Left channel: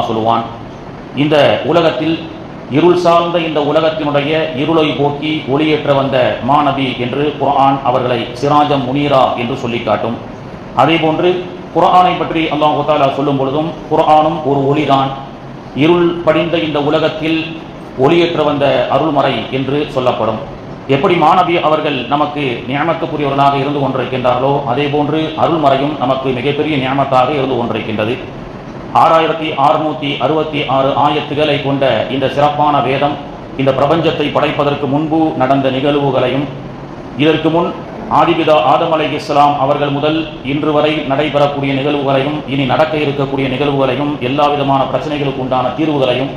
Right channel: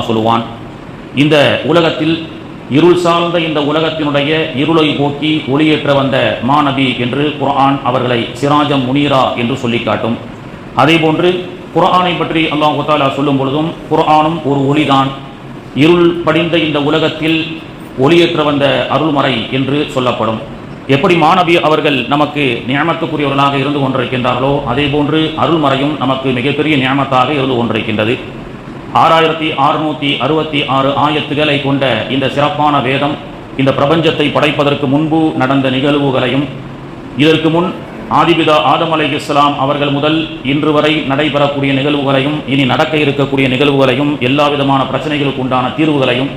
அல்லாஹ் சொல்லுவான், இந்த உலகத்தில் இருள் சார்ந்த இந்த உலகத்தினுடைய இருளை போக்கி ஒளியேற்ற வந்த மாநபி என்று குர்ஆன் அவர்களை சிராஜம் முனீரா என்று சொல்லி காட்டும். அதே போன்று குர்ஆனை பற்றி அல்லாஹ் தஆலா சொல்லும் பொழுதும் குர்ஆனும் ஒரு ஒளிதான், இருள் படிந்த இந்த உலகத்தில் ஒளியேற்ற வந்த அருள்மறை என்று சொல்லப்படும். எப்படி மாநபி அவர்கள் நமக்கு நியமத்துக்குரியவர்களாக இருந்து கொண்டிருக்கின்றார்களோ அதே போன்று அருள்மறையும் நமக்கு மிகப்பெரிய நியமத்தாக இருந்து கொண்டிருக்கின்றது. 6666 ஆயத்துக்களை கொண்ட இந்த சிறப்பான வேதம் இந்த பிரபஞ்சத்தை படைப்பதற்கு முன்பு நடந்த நிகழ்வுகளையும், இதற்கு முன் ஆதிபிதா ஆதம் அலைஹிஸ்ஸலாம் அவர்கள் முதல் இன்று வரை நடைபெறக்கூடிய நிகழ்வுகளையும், இனி நடக்க இருக்கக்கூடிய நிகழ்வுகளையும், எல்லா விதமான பிரச்சனைகளுக்கு உண்டான தீர்வுகளையும்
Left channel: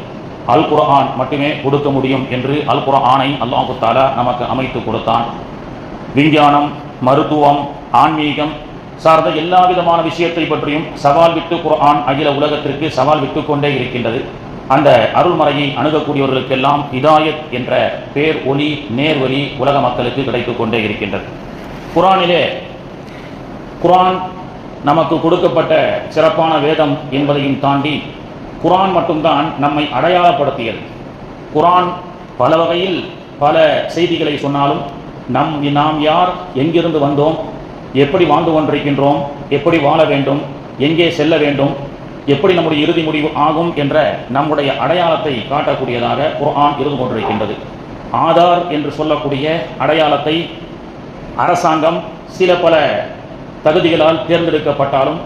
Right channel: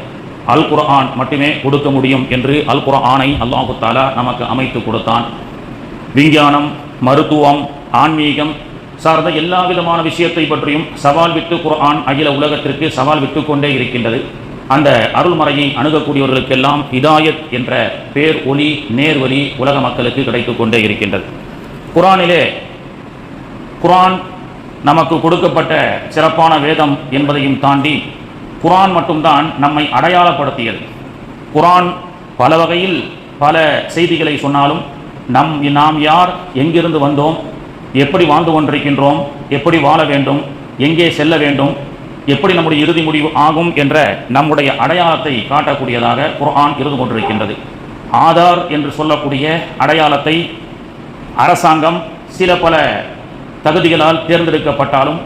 அல் குர்ஆன் மட்டுமே கொடுக்க முடியும் என்று அல் குர்ஆனை அல்லாஹு தஆலா நமக்கு அமைத்து கொடுத்தான். விஞ்ஞானம், மருத்துவம், ஆன்மீகம் சார்ந்த எல்லா விதமான விஷயத்தை பற்றியும் சவால் விட்டு குர்ஆன் அகில உலகத்திற்கு சவால் விட்டு கொண்டே இருக்கின்றது. அந்த அருள்மறையை அணுகக்கூடியவர்களுக்கெல்லாம் ஹிதாயத் என்ற பேர் ஒளி, நேர்வழி உலக மக்களுக்கு கிடைத்துக் கொண்டே இருக்கின்றது. குர்ஆன் நமக்கு கொடுக்கப்பட்ட சிறப்பான வேதம் என்பதையும் தாண்டி குர்ஆன் மட்டும்தான் நம்மை அடையாளப்படுத்தியது. குர்ஆன் பல வகையில் பல செய்திகளை சொன்னாலும் நாம் யார், எங்கிருந்து வந்தோம், எப்படி வாழ்ந்து கொண்டிருக்கின்றோம், எப்படி வாழ வேண்டும், எங்கே செல்ல வேண்டும், எப்படி நம்முடைய இறுதி முடிவு ஆகும் என்ற நம்முடைய அடையாளத்தை காட்டக்கூடியதாக குர்ஆன் இருந்து கொண்டிருக்கின்றது. ஆதார் என்று சொல்லக்கூடிய அடையாளத்தை அரசாங்கம் சில பல தகுதிகளால் தேர்ந்தெடுக்கப்பட்டாலும்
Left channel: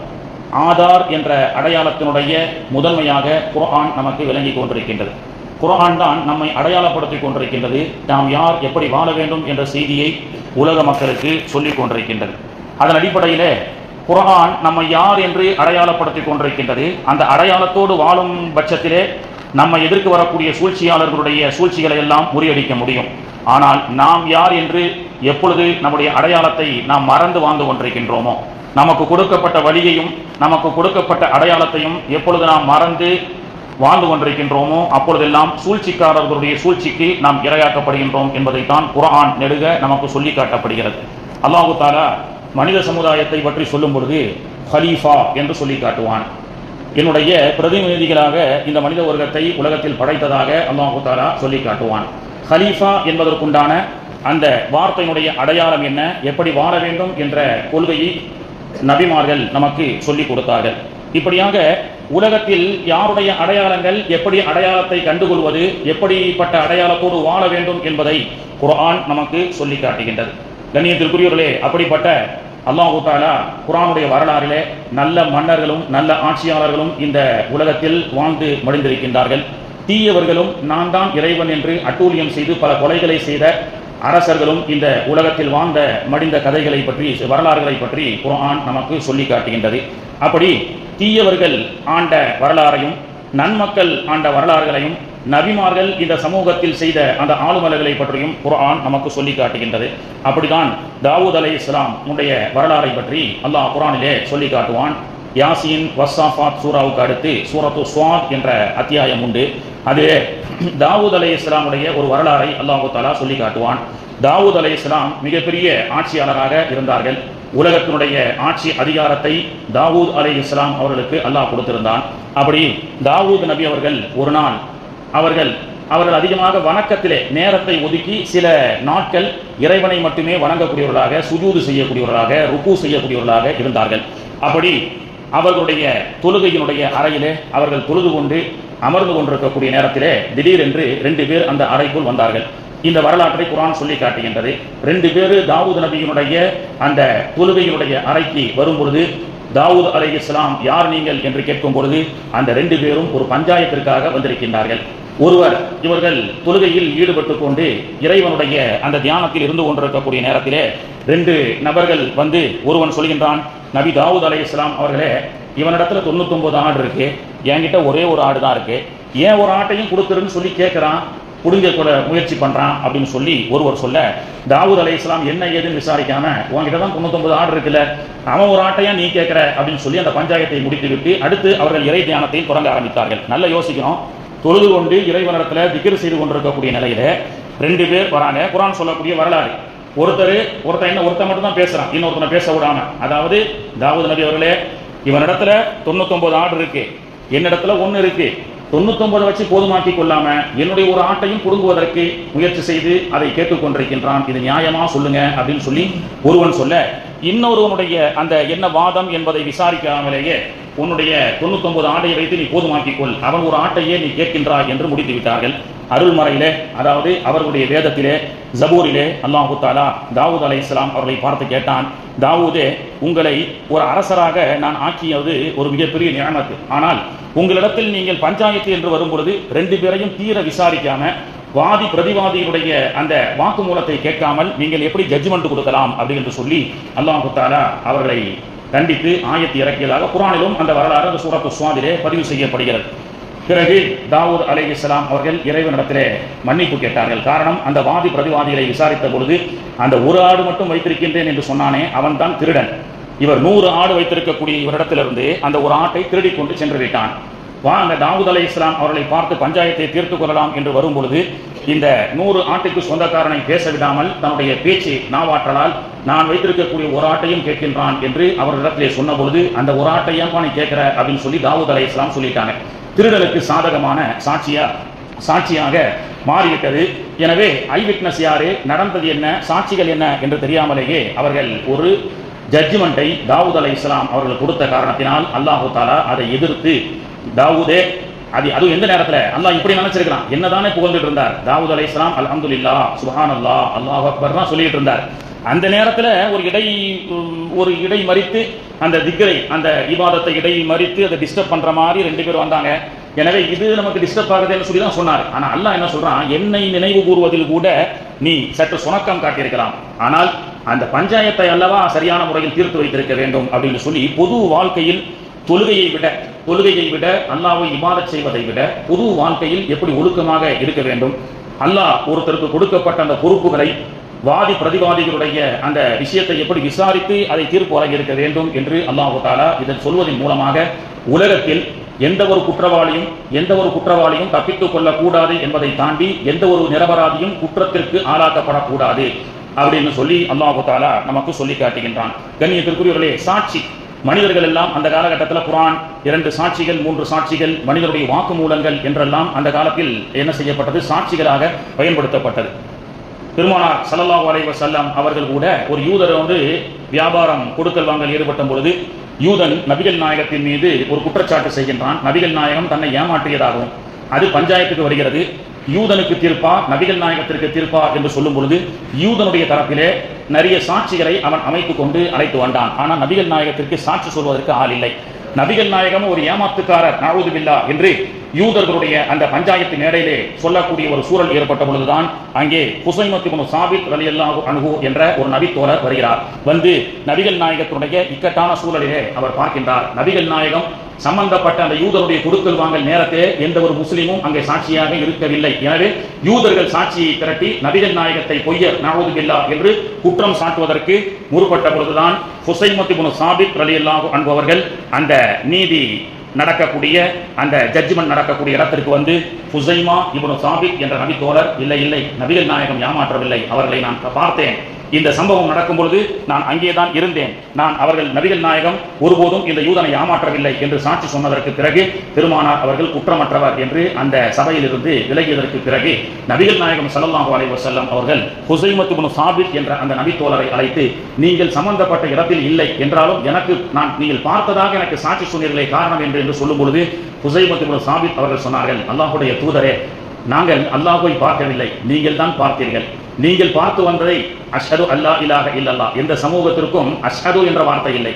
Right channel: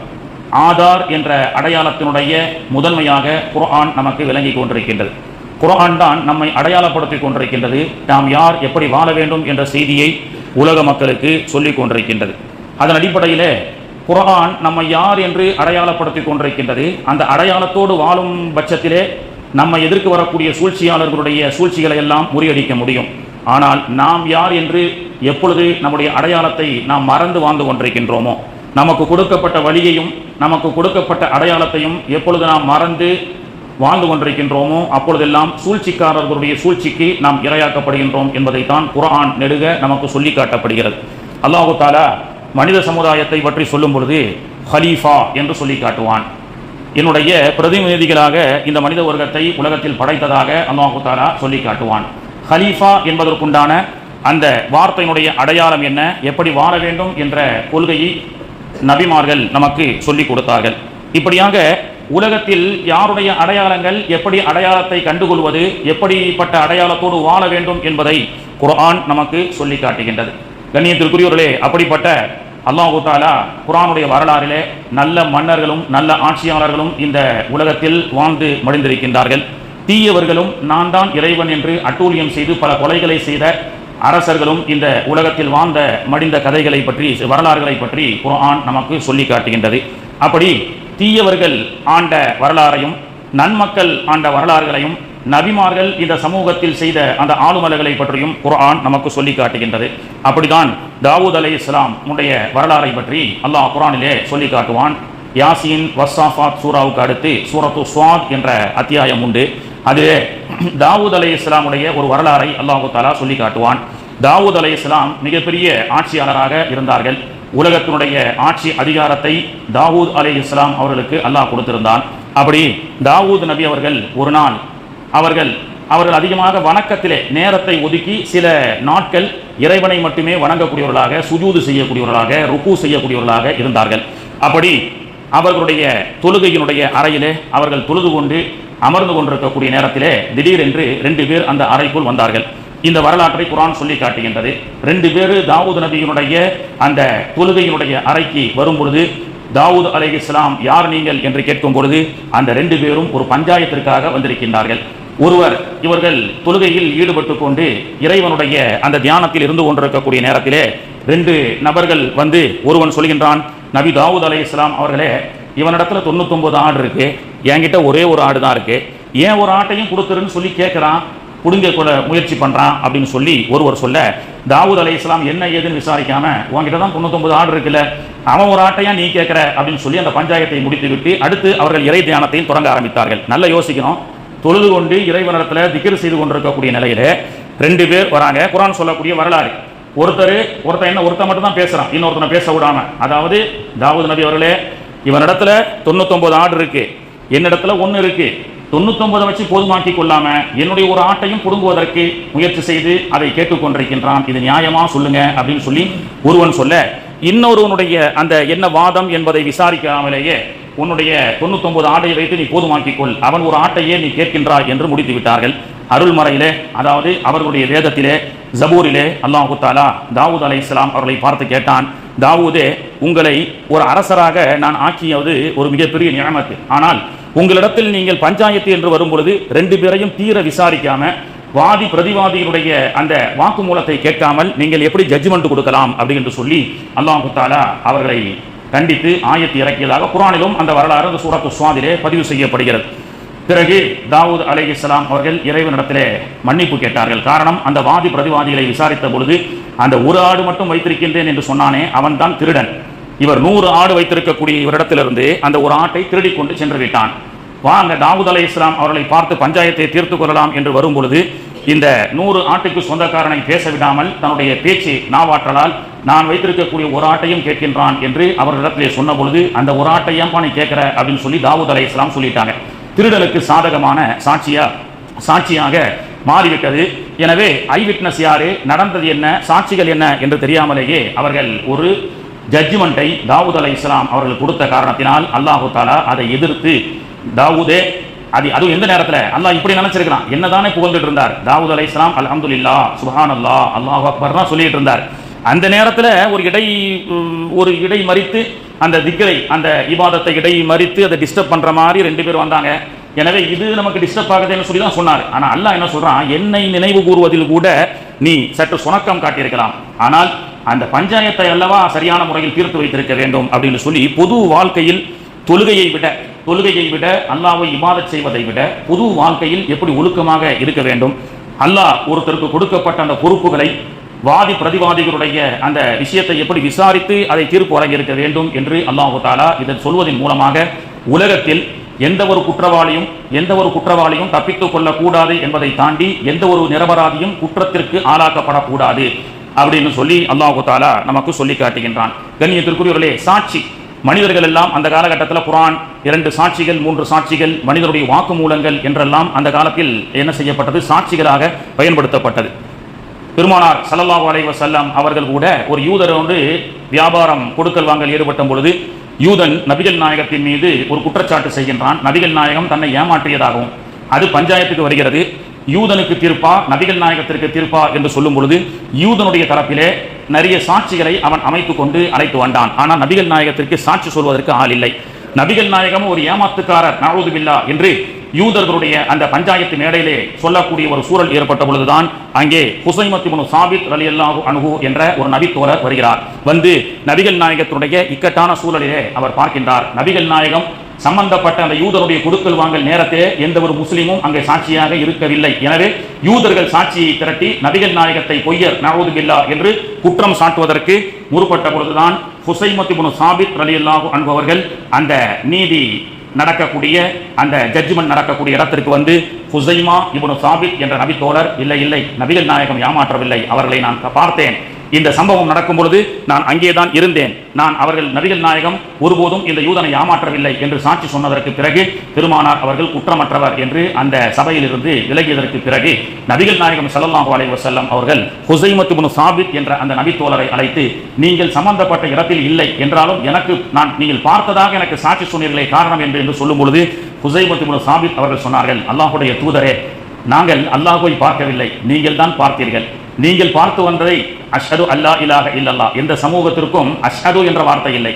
ஆதார் என்ற அடையாளத்தினுடைய முதன்மையாக குர்ஆன் நமக்கு விளங்கி கொண்டிருக்கின்றது. குர்ஆன் தான் நம்மை அடையாளப்படுத்திக் கொண்டிருக்கின்றது. நாம் யார், எப்படி வாழ வேண்டும் என்ற செய்தியை உலக மக்களுக்கு சொல்லிக் கொண்டிருக்கின்றது. அதன் அடிப்படையில் குர்ஆன் நம்மை யார் என்று அடையாளப்படுத்திக் கொண்டிருக்கின்றது. அந்த அடையாளத்தோடு வாழும் பட்சத்திலே நம்மை எதிர்க்கு வரக்கூடிய சூழ்ச்சியாளர்களுடைய சூழ்ச்சிகளை எல்லாம் முறியடிக்க முடியும். ஆனால் நாம் யார் என்று எப்பொழுது நம்முடைய அடையாளத்தை நாம் மறந்து வாழ்ந்து கொண்டிருக்கின்றோமோ, நமக்கு கொடுக்கப்பட்ட வழியையும் நமக்கு கொடுக்கப்பட்ட அடையாளத்தையும் எப்பொழுது நாம் மறந்து வாழ்ந்து கொண்டிருக்கின்றோமோ அப்பொழுதெல்லாம் சூழ்ச்சிக்காரர்களுடைய சூழ்ச்சிக்கு நாம் இரையாக்கப்படுகின்றோம் என்பதைத்தான் குர்ஆன் நெடுக நமக்கு சொல்லி காட்டப்படுகிறது. அல்லாஹு தஆலா மனித சமுதாயத்தை பற்றி சொல்லும் பொழுது ஹலீஃபா என்று சொல்லி காட்டுவான். என்னுடைய பிரதிநிதிகளாக இந்த மனித வர்க்கத்தை உலகத்தில் படைத்ததாக அல்லாஹு தஆலா சொல்லி காட்டுவான். ஹலீஃபா என்பதற்குண்டான அந்த வார்த்தையினுடைய அடையாளம் என்ன, எப்படி வாழ வேண்டும் என்ற கொள்கையை நபிமார்கள் நமக்கு சொல்லிக் கொடுத்தார்கள். இப்படியாக உலகத்தில் யாருடைய அடையாளங்கள், எப்படி அடையாளத்தை கண்டுகொள்வது, எப்படிப்பட்ட அடையாளத்தோடு வாழ வேண்டும் என்பதை குர்ஆன் நமக்கு சொல்லி காட்டுகின்றது. கண்ணியத்திற்குரியவர்களே, அப்படிப்பட்ட அல்லாஹு தஆலா குர்ஆனுடைய வரலாறிலே நல்ல மன்னர்களும் நல்ல ஆட்சியாளர்களும் இந்த உலகத்தில் வாழ்ந்து மடிந்திருக்கின்றார்கள். தீயவர்களும் நான் தான் இறைவன் என்று அட்டூழியம் செய்து பல கொலைகளை செய்த அரசர்களும் இந்த உலகத்தில் வாழ்ந்த மடிந்த கதைகளை பற்றி, வரலாறுகளை பற்றி குர்ஆன் நமக்கு சொல்லி காட்டுகின்றது. அப்படி தீயவர்கள் ஆண்ட வரலாறையும் நன்மக்கள் ஆண்ட வரலாறுகளையும் நபிமார்கள் இந்த சமூகத்தில் செய்த அந்த ஆளுமலைகளை பற்றியும் குர்ஆன் நமக்கு சொல்லி காட்டுகின்றது. அப்படிதான் தாவூத் அலைஹிஸ்ஸலாம் உடைய வரலாறை பற்றி அல்லாஹ் குர்ஆனிலே சொல்லி காட்டுவான். யாசீன், வஸ்ஸாஃபாத் சூராவுக்கு அடுத்து சூரத்து ஸாத் என்ற அத்தியாயம் உண்டு. அதிலே தாவூத் அலைஹிஸ்ஸலாமுடைய ஒரு வரலாறை அல்லாஹ் தஆலா சொல்லி காட்டுவான். தாவூத் அலைஹிஸ்ஸலாம் மிகப்பெரிய ஆட்சியாளராக இருந்தார்கள். உலகத்தினுடைய ஆட்சி அதிகாரத்தை தாவூத் அலைஹிஸ்ஸலாம் அவர்களுக்கு அல்லாஹ் கொடுத்திருந்தான். அப்படி தாவூத் நபி அவர்கள் ஒரு நாள் அவர்கள் அதிகமாக வணக்கத்திலே நேரத்தை ஒதுக்கி சில நாட்கள் இறைவனை மட்டுமே வணங்கக்கூடியவர்களாக, சுஜூது செய்யக்கூடியவர்களாக, ருக்கு செய்யக்கூடியவர்களாக இருந்தார்கள். அப்படி அவர்களுடைய தொழுகையினுடைய அறையிலே அவர்கள் தொழுது கொண்டு அமர்ந்து கொண்டிருக்கக்கூடிய நேரத்திலே திடீரென்று 2 பேர் அந்த அறைக்குள் வந்தார்கள். இந்த வரலாற்றை குர்ஆன் சொல்லி காட்டுகின்றது. 2 பேர் தாவூத் நபியினுடைய அந்த தொழுகையினுடைய அறைக்கு வரும் பொழுது தாவூத் அலைஹிஸ்ஸலாம் யார் நீங்கள் என்று கேட்கும் பொழுது அந்த 2 பேரும் ஒரு பஞ்சாயத்திற்காக வந்திருக்கின்றார்கள். ஒருவர் இவர்கள் தொழுகையில் ஈடுபட்டு கொண்டு இறைவனுடைய அந்த தியானத்தில் இருந்து கொண்டிருக்கக்கூடிய நேரத்திலே 2 நபர்கள் வந்து ஒருவன் சொல்கின்றான், நபி தாவூத் அலைஹிஸ்ஸலாம் அவர்களே, இவனிடத்துல 99 ஆடு இருக்கு, என்கிட்ட ஒரே ஒரு ஆடு தான் இருக்கு, ஏன் ஒரு ஆட்டையும் கொடுக்குறேன்னு சொல்லி கேட்கிறான், புடுங்க கூட முயற்சி பண்றான் அப்படின்னு சொல்லி ஒருவர் சொல்ல, தாவூத் அலைஹிஸ்ஸலாம் என்ன ஏதுன்னு விசாரிக்காம, உங்ககிட்ட தான் 99 ஆடு இருக்குல்ல, அவன் ஒரு ஆட்டையா நீ கேட்கிற அப்படின்னு சொல்லி அந்த பஞ்சாயத்தை முடித்து விட்டு அடுத்து அவர்கள் இறை தியானத்தை தொடங்க ஆரம்பித்தார்கள். நல்லா யோசிக்கணும். தொழுது கொண்டு இறைவனிடத்துல திக்ர் செய்து கொண்டிருக்கக்கூடிய நிலையில 2 பேர் வராங்க. குர்ஆன் சொல்லக்கூடிய வரலாறு. ஒருத்தன் மட்டும் தான் பேசுறான், இன்னொருத்தனை பேச விடாம. அதாவது தாவூத் நபி அவர்களே, இவனிடத்துல 99 ஆடு இருக்கு, என்னிடத்துல ஒண்ணு இருக்கு, 99 வச்சு போதுமாக்கி கொள்ளாம என்னுடைய ஒரு ஆட்டையும் புடுங்குவதற்கு முயற்சி செய்து அதை கேட்டுக்கொண்டிருக்கின்றான், இது நியாயமா சொல்லுங்க அப்படின்னு சொல்லி ஒருவன் சொல்ல, இன்னொருவனுடைய அந்த என்ன வாதம் என்பதை விசாரிக்காமலேயே உன்னுடைய 99 ஆடையை வைத்து நீ போதுமாக்கிக்கொள், அவன் ஒரு ஆட்டையே நீ கேட்கின்றாய் என்று முடித்து விட்டார்கள். அருள்மறையிலே, அதாவது அவர்களுடைய வேதத்திலே ஜபூரிலே அல்லாஹு தஆலா தாவூத் அலைஹிஸ்ஸலாம் அவர்களை பார்த்து கேட்டான், தாவூதே, உங்களை ஒரு அரசராக நான் ஆக்கியது ஒரு மிகப்பெரிய நியமத்து. ஆனால் உங்களிடத்தில் நீங்கள் பஞ்சாயத்து என்று வரும்பொழுது 2 பேரையும் தீர விசாரிக்காம வாதி பிரதிவாதியுடைய அந்த வாக்குமூலத்தை கேட்காமல் நீங்கள் எப்படி ஜட்ஜ்மெண்ட் கொடுக்கலாம் அப்படி என்று சொல்லி அல்லாஹு தஆலா அவர்களை கண்டித்து ஆயத்து இறக்கியதாக குர்ஆனிலும் அந்த வரலாறு அந்த சூரத்து ஸ்வாதிலே பதிவு செய்யப்படுகிறது. பிறகு தாவூத் அலைஹிஸ்ஸலாம் அவர்கள் இறைவனிடத்திலே மன்னிப்பு கேட்டார்கள். காரணம், அந்த வாதி பிரதிவாதிகளை விசாரித்த பொழுது அந்த ஒரு ஆடு மட்டும் வைத்திருக்கின்றேன் என்று சொன்னானே அவன் தான் திருடன். இவர் 100 ஆடு வைத்திருக்கக்கூடிய இவரிடத்திலிருந்து அந்த ஒரு ஆட்டை திருடி கொண்டு சென்று விட்டான். வாங்க தாவூத் அலைஹிஸ்ஸலாம் அவர்களை பார்த்து பஞ்சாயத்தை தீர்த்து கொள்ளலாம் என்று வரும் பொழுது இந்த 100 ஆட்டுக்கு சொந்தக்காரனை பேச விடாமல் தன்னுடைய பேச்சு நாவாற்றலால் நான் வைத்திருக்கக்கூடிய ஒரு ஆட்டையும் கேட்கின்றான் என்று அவர்களிடத்திலே சொன்ன பொழுது அந்த ஒரு ஆட்டையும் நீ கேட்கிற அப்படின்னு சொல்லி தாவூத் அலைஹிஸ்ஸலாம் சொல்லிட்டாங்க. திருடலுக்கு சாதகமான சாட்சியாக மாறிவிட்டது. எனவே ஐ விட்னஸ் யாரு, நடந்தது என்ன, சாட்சிகள் என்ன என்று தெரியாமலேயே அவர்கள் ஒரு ஜட்ஜ்மெண்டை தாவூத் அலைஹிஸ்ஸலாம் அவர்கள் கொடுத்த காரணத்தினால் அல்லாஹு தஆலா அதை எதிர்த்து, தாவூதே, அது எந்த நேரத்தில் அல்லாஹ் இப்படி நினைச்சிருக்கிறான், என்னதானே புகழ்ந்துட்டு இருந்தார் தாவூத் அலைஹிஸ்ஸலாம், அல்ஹம்துலில்லாஹ் சுப்ஹானல்லாஹ் அல்லாஹு அக்பர் தான் சொல்லிட்டு இருந்தார். அந்த நேரத்தில் ஒரு இடை மறித்து அந்த திக்ரை, அந்த இபாதத்தை இடை மறித்து அதை டிஸ்டர்ப் பண்ற மாதிரி 2 பேர் வந்தாங்க. எனவே இது நமக்கு டிஸ்டர்ப் ஆகுதுன்னு சொல்லி தான் சொன்னார். ஆனா அல்லாஹ் என்ன சொல்றான், என்னை நினைவு கூறுவதில் கூட நீ சற்று சுணக்கம் காட்டியிருக்கலாம், ஆனால் அந்த பஞ்சாயத்தை அல்லவா சரியான முறையில் தீர்த்து வைத்திருக்க வேண்டும் அப்படின்னு சொல்லி பொது வாழ்க்கையில் தொழுகையை விட அல்லாஹ்வை இபாதத் செய்வதை விட பொது வாழ்க்கையில் எப்படி ஒழுக்கமாக இருக்க வேண்டும், அல்லாஹ் ஒருத்தருக்கு கொடுக்கப்பட்ட அந்த பொறுப்புகளை வாதி பிரதிவாதிகளுடைய அந்த விஷயத்தை எப்படி விசாரித்து அதை தீர்ப்பு வழங்கி இருக்க வேண்டும் என்று அல்லாஹு தஆலா இதை சொல்வதன் மூலமாக உலகத்தில் எந்த ஒரு குற்றவாளியும் தப்பித்துக் கொள்ளக்கூடாது என்பதை தாண்டி எந்த ஒரு நிரபராதியும் குற்றத்திற்கு ஆளாக்கப்படக்கூடாது அப்படின்னு சொல்லி அல்லாஹு தஆலா நமக்கு சொல்லி காட்டுகின்றான். கண்ணியத்திற்குரியவர்களே, சாட்சி மனிதர்கள் எல்லாம் அந்த காலகட்டத்தில் குர்ஆன் 2 சாட்சிகள் 3 சாட்சிகள் மனிதனுடைய வாக்குமூலங்கள் என்றெல்லாம் அந்த காலத்தில் என்ன செய்யப்பட்டது, சாட்சிகளாக பயன்படுத்தப்பட்டது. பெருமானார் ஸல்லல்லாஹு அலைஹி வஸல்லம் அவர்கள் கூட ஒரு யூதர் வியாபாரம் கொடுக்கல் வாங்கல் ஈடுபட்ட பொழுது யூதன் நபிகள் நாயகத்தின் மீது ஒரு குற்றச்சாட்டு செய்கின்றான். நபிகள் நாயகம் தன்னை ஏமாற்றியதாகவும் அது பஞ்சாயத்துக்கு வருகிறது. யூதனுக்கு தீர்ப்பா நபிகள் நாயகத்திற்கு தீர்ப்பா என்று சொல்லும் பொழுது யூதனுடைய தரப்பிலே நிறைய சாட்சிகளை அவன் அமைத்துக் கொண்டு அழைத்து வந்தான். ஆனால் நபிகள் நாயகத்திற்கு சாட்சி சொல்வதற்கு ஆள் இல்லை. நபிகள் நாயகம் ஒரு ஏமாத்துக்காரர் நஊது பில்லாஹ் என்று யூதர்களுடைய அந்த பஞ்சாயத்து மேடையிலே சொல்லக்கூடிய ஒரு சூழல் ஏற்பட்ட பொழுதுதான் அங்கே ஹுசைமத் இப்னு சாபித் ரலியல்லாஹு அன்ஹு என்ற ஒரு நபித்தோழர் வருகிறார். வந்து நபிகள் நாயகத்துடைய இக்கட்டான சூழலிலே அவர் பார்க்கின்றார். நபிகள் நாயகம் சம்பந்தப்பட்ட அந்த யூதருடைய கொடுக்கல் வாங்கல் நேரத்தை எந்த ஒரு முஸ்லிமும் அங்கே சாட்சியாக இருக்கவில்லை. எனவே யூதர்கள் சாட்சியை திரட்டி நபிகள் நாயகத்தை பொய்யர் நஊது பில்லாஹ் என்று குற்றம் சாட்டுவதற்கு முற்பட்ட பொழுதுதான் ஹுசைமத் இப்னு சாபித் ரலியல்லாஹு அன்ஹு அவர்கள் அந்த நீதி நடக்கக்கூடிய அந்த ஜட்ஜ்மெண்ட் நடக்கக்கூடிய இடத்திற்கு வந்து, ஹுசைமா இப்னு சாபித் என்ற நபி தோழர், இல்லை நபிகள் நாயகம் ஏமாற்றவில்லை, அவர்களை நான் பார்த்தேன், இந்த சம்பவம் நடக்கும் பொழுது நான் அங்கேதான் இருந்தேன், நான் அவர்கள் நபிகள் நாயகம் ஒருபோதும் இந்த யூதனை ஏமாற்றவில்லை என்று சாட்சி சொன்னதற்கு பிறகு பெருமானார் அவர்கள் குற்றமற்றவர் என்று அந்த சபையிலிருந்து விலகியதற்கு பிறகு நபிகள் நாயகம் ஸல்லல்லாஹு அலைஹி வஸல்லம் அவர்கள் ஹுசைமத் இப்னு சாபித் என்ற அந்த நபி தோழரை அழைத்து, நீங்கள் சம்பந்தப்பட்ட இடத்தில் இல்லை என்றாலும் நீங்கள் பார்த்ததாக எனக்கு சாட்சி சொன்னீர்களே காரணம் என்று சொல்லும் பொழுது ஹுசைமத் இப்னு சாபித் அவர்கள் சொன்னார்கள், அல்லாஹ்வுடைய தூதரே, நாங்கள் அல்லாஹ்வை பார்க்கவில்லை, நீங்கள் தான் பார்த்தீர்கள். நீங்கள் பார்த்து வந்ததை அஷ்ஹது அல்லா இலாஹ இல்லல்லாஹ், எந்த சமூகத்திற்கும் அஷ்ஹது என்ற வார்த்தை இல்லை.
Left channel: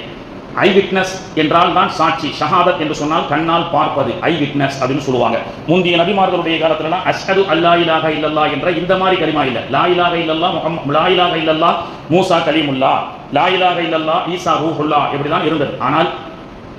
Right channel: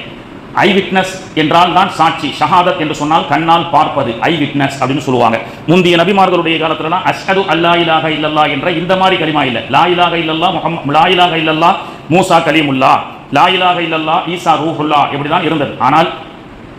ஐ விட்னஸ் என்றால் தான் சாட்சி. ஷஹாதத் என்று சொன்னால் கண்ணால் பார்ப்பது, ஐ விட்னஸ் அப்படின்னு சொல்லுவாங்க. முந்தைய நபிமார்களுடைய காலத்துல அஷ்ஹது அல்லா இலாஹ இல்லல்லாஹ் என்ற இந்த மாதிரி கலிமா இல்லை. லா இலாஹ இல்லல்லாஹ் லா இலாஹ இல்லல்லாஹ் மூசா கலீமுல்லாஹ், லா இலாஹ இல்லல்லாஹ் ஈசா ரூஹுல்லாஹ் இப்படிதான் இருந்தது. ஆனால்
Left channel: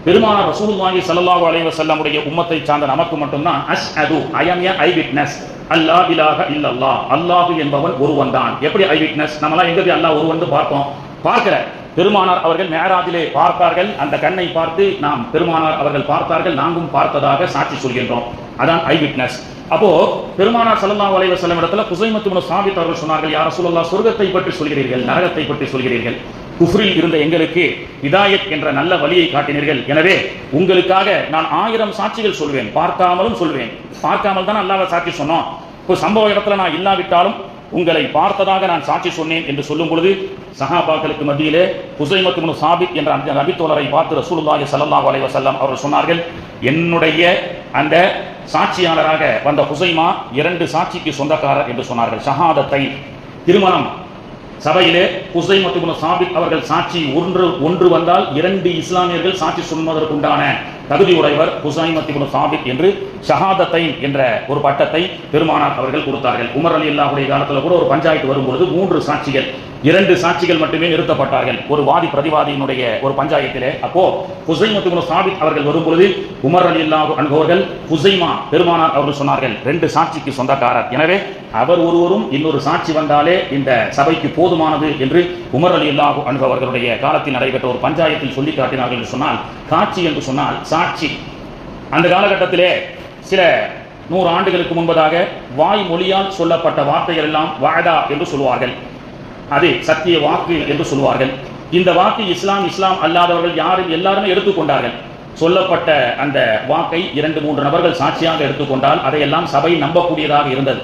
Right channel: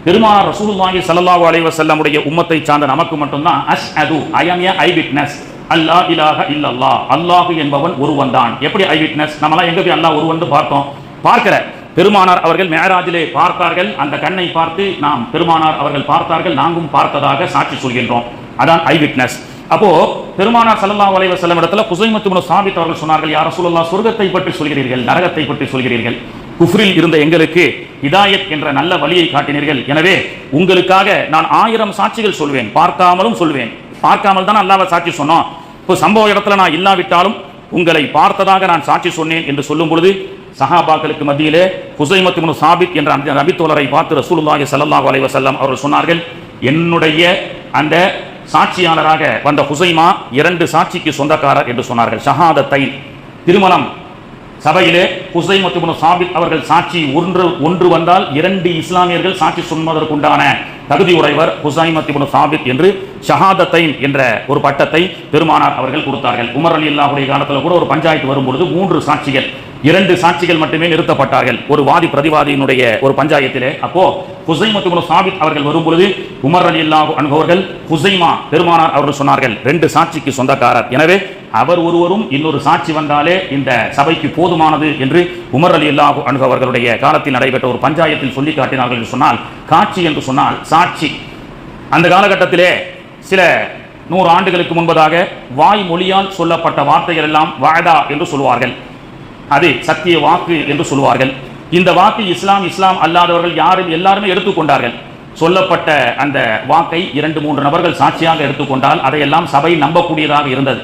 பெருமானார் ரசூலுல்லாஹி ஸல்லல்லாஹு அலைஹி வஸல்லம் உடைய உம்மத்தை சார்ந்த நமக்கு மட்டும்தான் அஷ்ஹது, ஐ அம் எ ஐ விட்னஸ், அல்லா இலாஹ இல்லல்லாஹ், அல்லாஹ் என்பவன் ஒருவன் தான். எப்படி ஐ விட்னஸ்? நம்மலாம் எங்க போய் அல்லாஹ் ஒருவன் பார்த்தோம்? பார்க்கிற பெருமானார் அவர்கள் மேராஜிலே பார்த்தார்கள், அந்த கண்ணை பார்த்து நாம் பெருமானார் அவர்கள் பார்த்தார்கள், நாங்களும் பார்த்ததாக சாட்சி சொல்கின்றோம். அதான் ஐ விட்னஸ். அப்போ பெருமானார் ஸல்லல்லாஹு அலைஹி வஸல்லம் இடத்துல ஹுசைமத் இப்னு சாபித் அவர்கள் சொன்னார்கள், யா ரசூலல்லாஹ், சொர்க்கத்தை பற்றி சொல்கிறீர்கள், நரகத்தை பற்றி சொல்கிறீர்கள், குஃப்ரில் இருந்த எங்களுக்கு ஹிதாயத் என்ற நல்ல வழியை காட்டினீர்கள். எனவே உங்களுக்காக நான் 1000 சாட்சிகள் சொல்வேன், பார்க்காமலும் சொல்வேன். பார்க்காமல் தான் அல்லாஹ்வை சாட்சி சொன்னோம். இப்போ சம்பவ இடத்துல நான் இல்லாவிட்டாலும் உங்களை பார்த்ததாக நான் சாட்சி சொன்னேன் என்று சொல்லும் பொழுது சஹாபாக்களுக்கு மத்தியிலே ஹுசைமத் இப்னு சாபித் என்ற அந்த நபித்தோழரை பார்த்து ரசூலுல்லாஹி ஸல்லல்லாஹு அலைஹி வஸல்லம் அவர்கள் சொன்னார்கள், என்னுடைய அந்த சாட்சியாளராக வந்த ஹுசைமா 2 சாட்சிக்கு சொந்தக்காரர் என்று சொன்னார்கள். ஷஹாதத்தை திருமணம் சபையிலே ஹுசைமத் இப்னு சாபித் அவர்கள் சாட்சி ஒன்று வந்தால் 2 இஸ்லாமியர்கள் சாட்சி சொல்வதற்குண்டான தகுதி உடையவர் ஹுசைமத் இப்னு சாபித் என்று ஷஹாதத்தை என்ற ஒரு பட்டத்தை பெருமானார் அவர்கள் கொடுத்தார்கள். உமர் ரலியல்லாஹு காலத்தில் கூட ஒரு பஞ்சாயத்து வரும்பொழுது 3 சாட்சிகள் 2 சாட்சிகள் மட்டுமே நிறுத்தப்பட்டார்கள் ஒரு வாதி பிரதிவாதியினுடைய ஒரு பஞ்சாயத்திலே. அப்போ ஹுசைமத் இப்னு சாபித் அவர்கள் வரும்பொழுது உமர் ரலியல்லாஹு அன்ஹு அவர்கள் ஹுசைமா பெருமானார் அவர்கள் சொன்னார்கள் 2 சாட்சிக்கு சொந்தக்காரர், எனவே அவர் ஒருவரும் இன்னொரு சாட்சி வந்தாலே இந்த சபைக்கு போதுமானது என்று உமர் ரலியல்லாஹு அன்ஹு அவர்களுடைய காலத்தில் நடைபெற்ற ஒரு பஞ்சாயத்தில் சொல்லி காட்டினார்கள் என்று சொன்னால், காட்சி என்று சொன்னால் சாட்சி. அந்த காலகட்டத்திலே சில 100 ஆண்டுகளுக்கு முன்பதாக வாய் மொழியால் சொல்லப்பட்ட வார்த்தைகள் எல்லாம் வாதா என்று சொல்வார்கள், அது சத்திய வாக்கு என்று சொல்வார்கள். இந்த வாக்கு இஸ்லாம் அல்லாதவர்கள் எல்லாருமே எடுத்துக்கொண்டார்கள். சொல்லப்பட்ட அந்த வாக்கை 2-3 நபர்கள் சாட்சியாக எடுத்துக்கொண்டால் அதையெல்லாம் சபை நம்பக்கூடியதாக இருந்தது.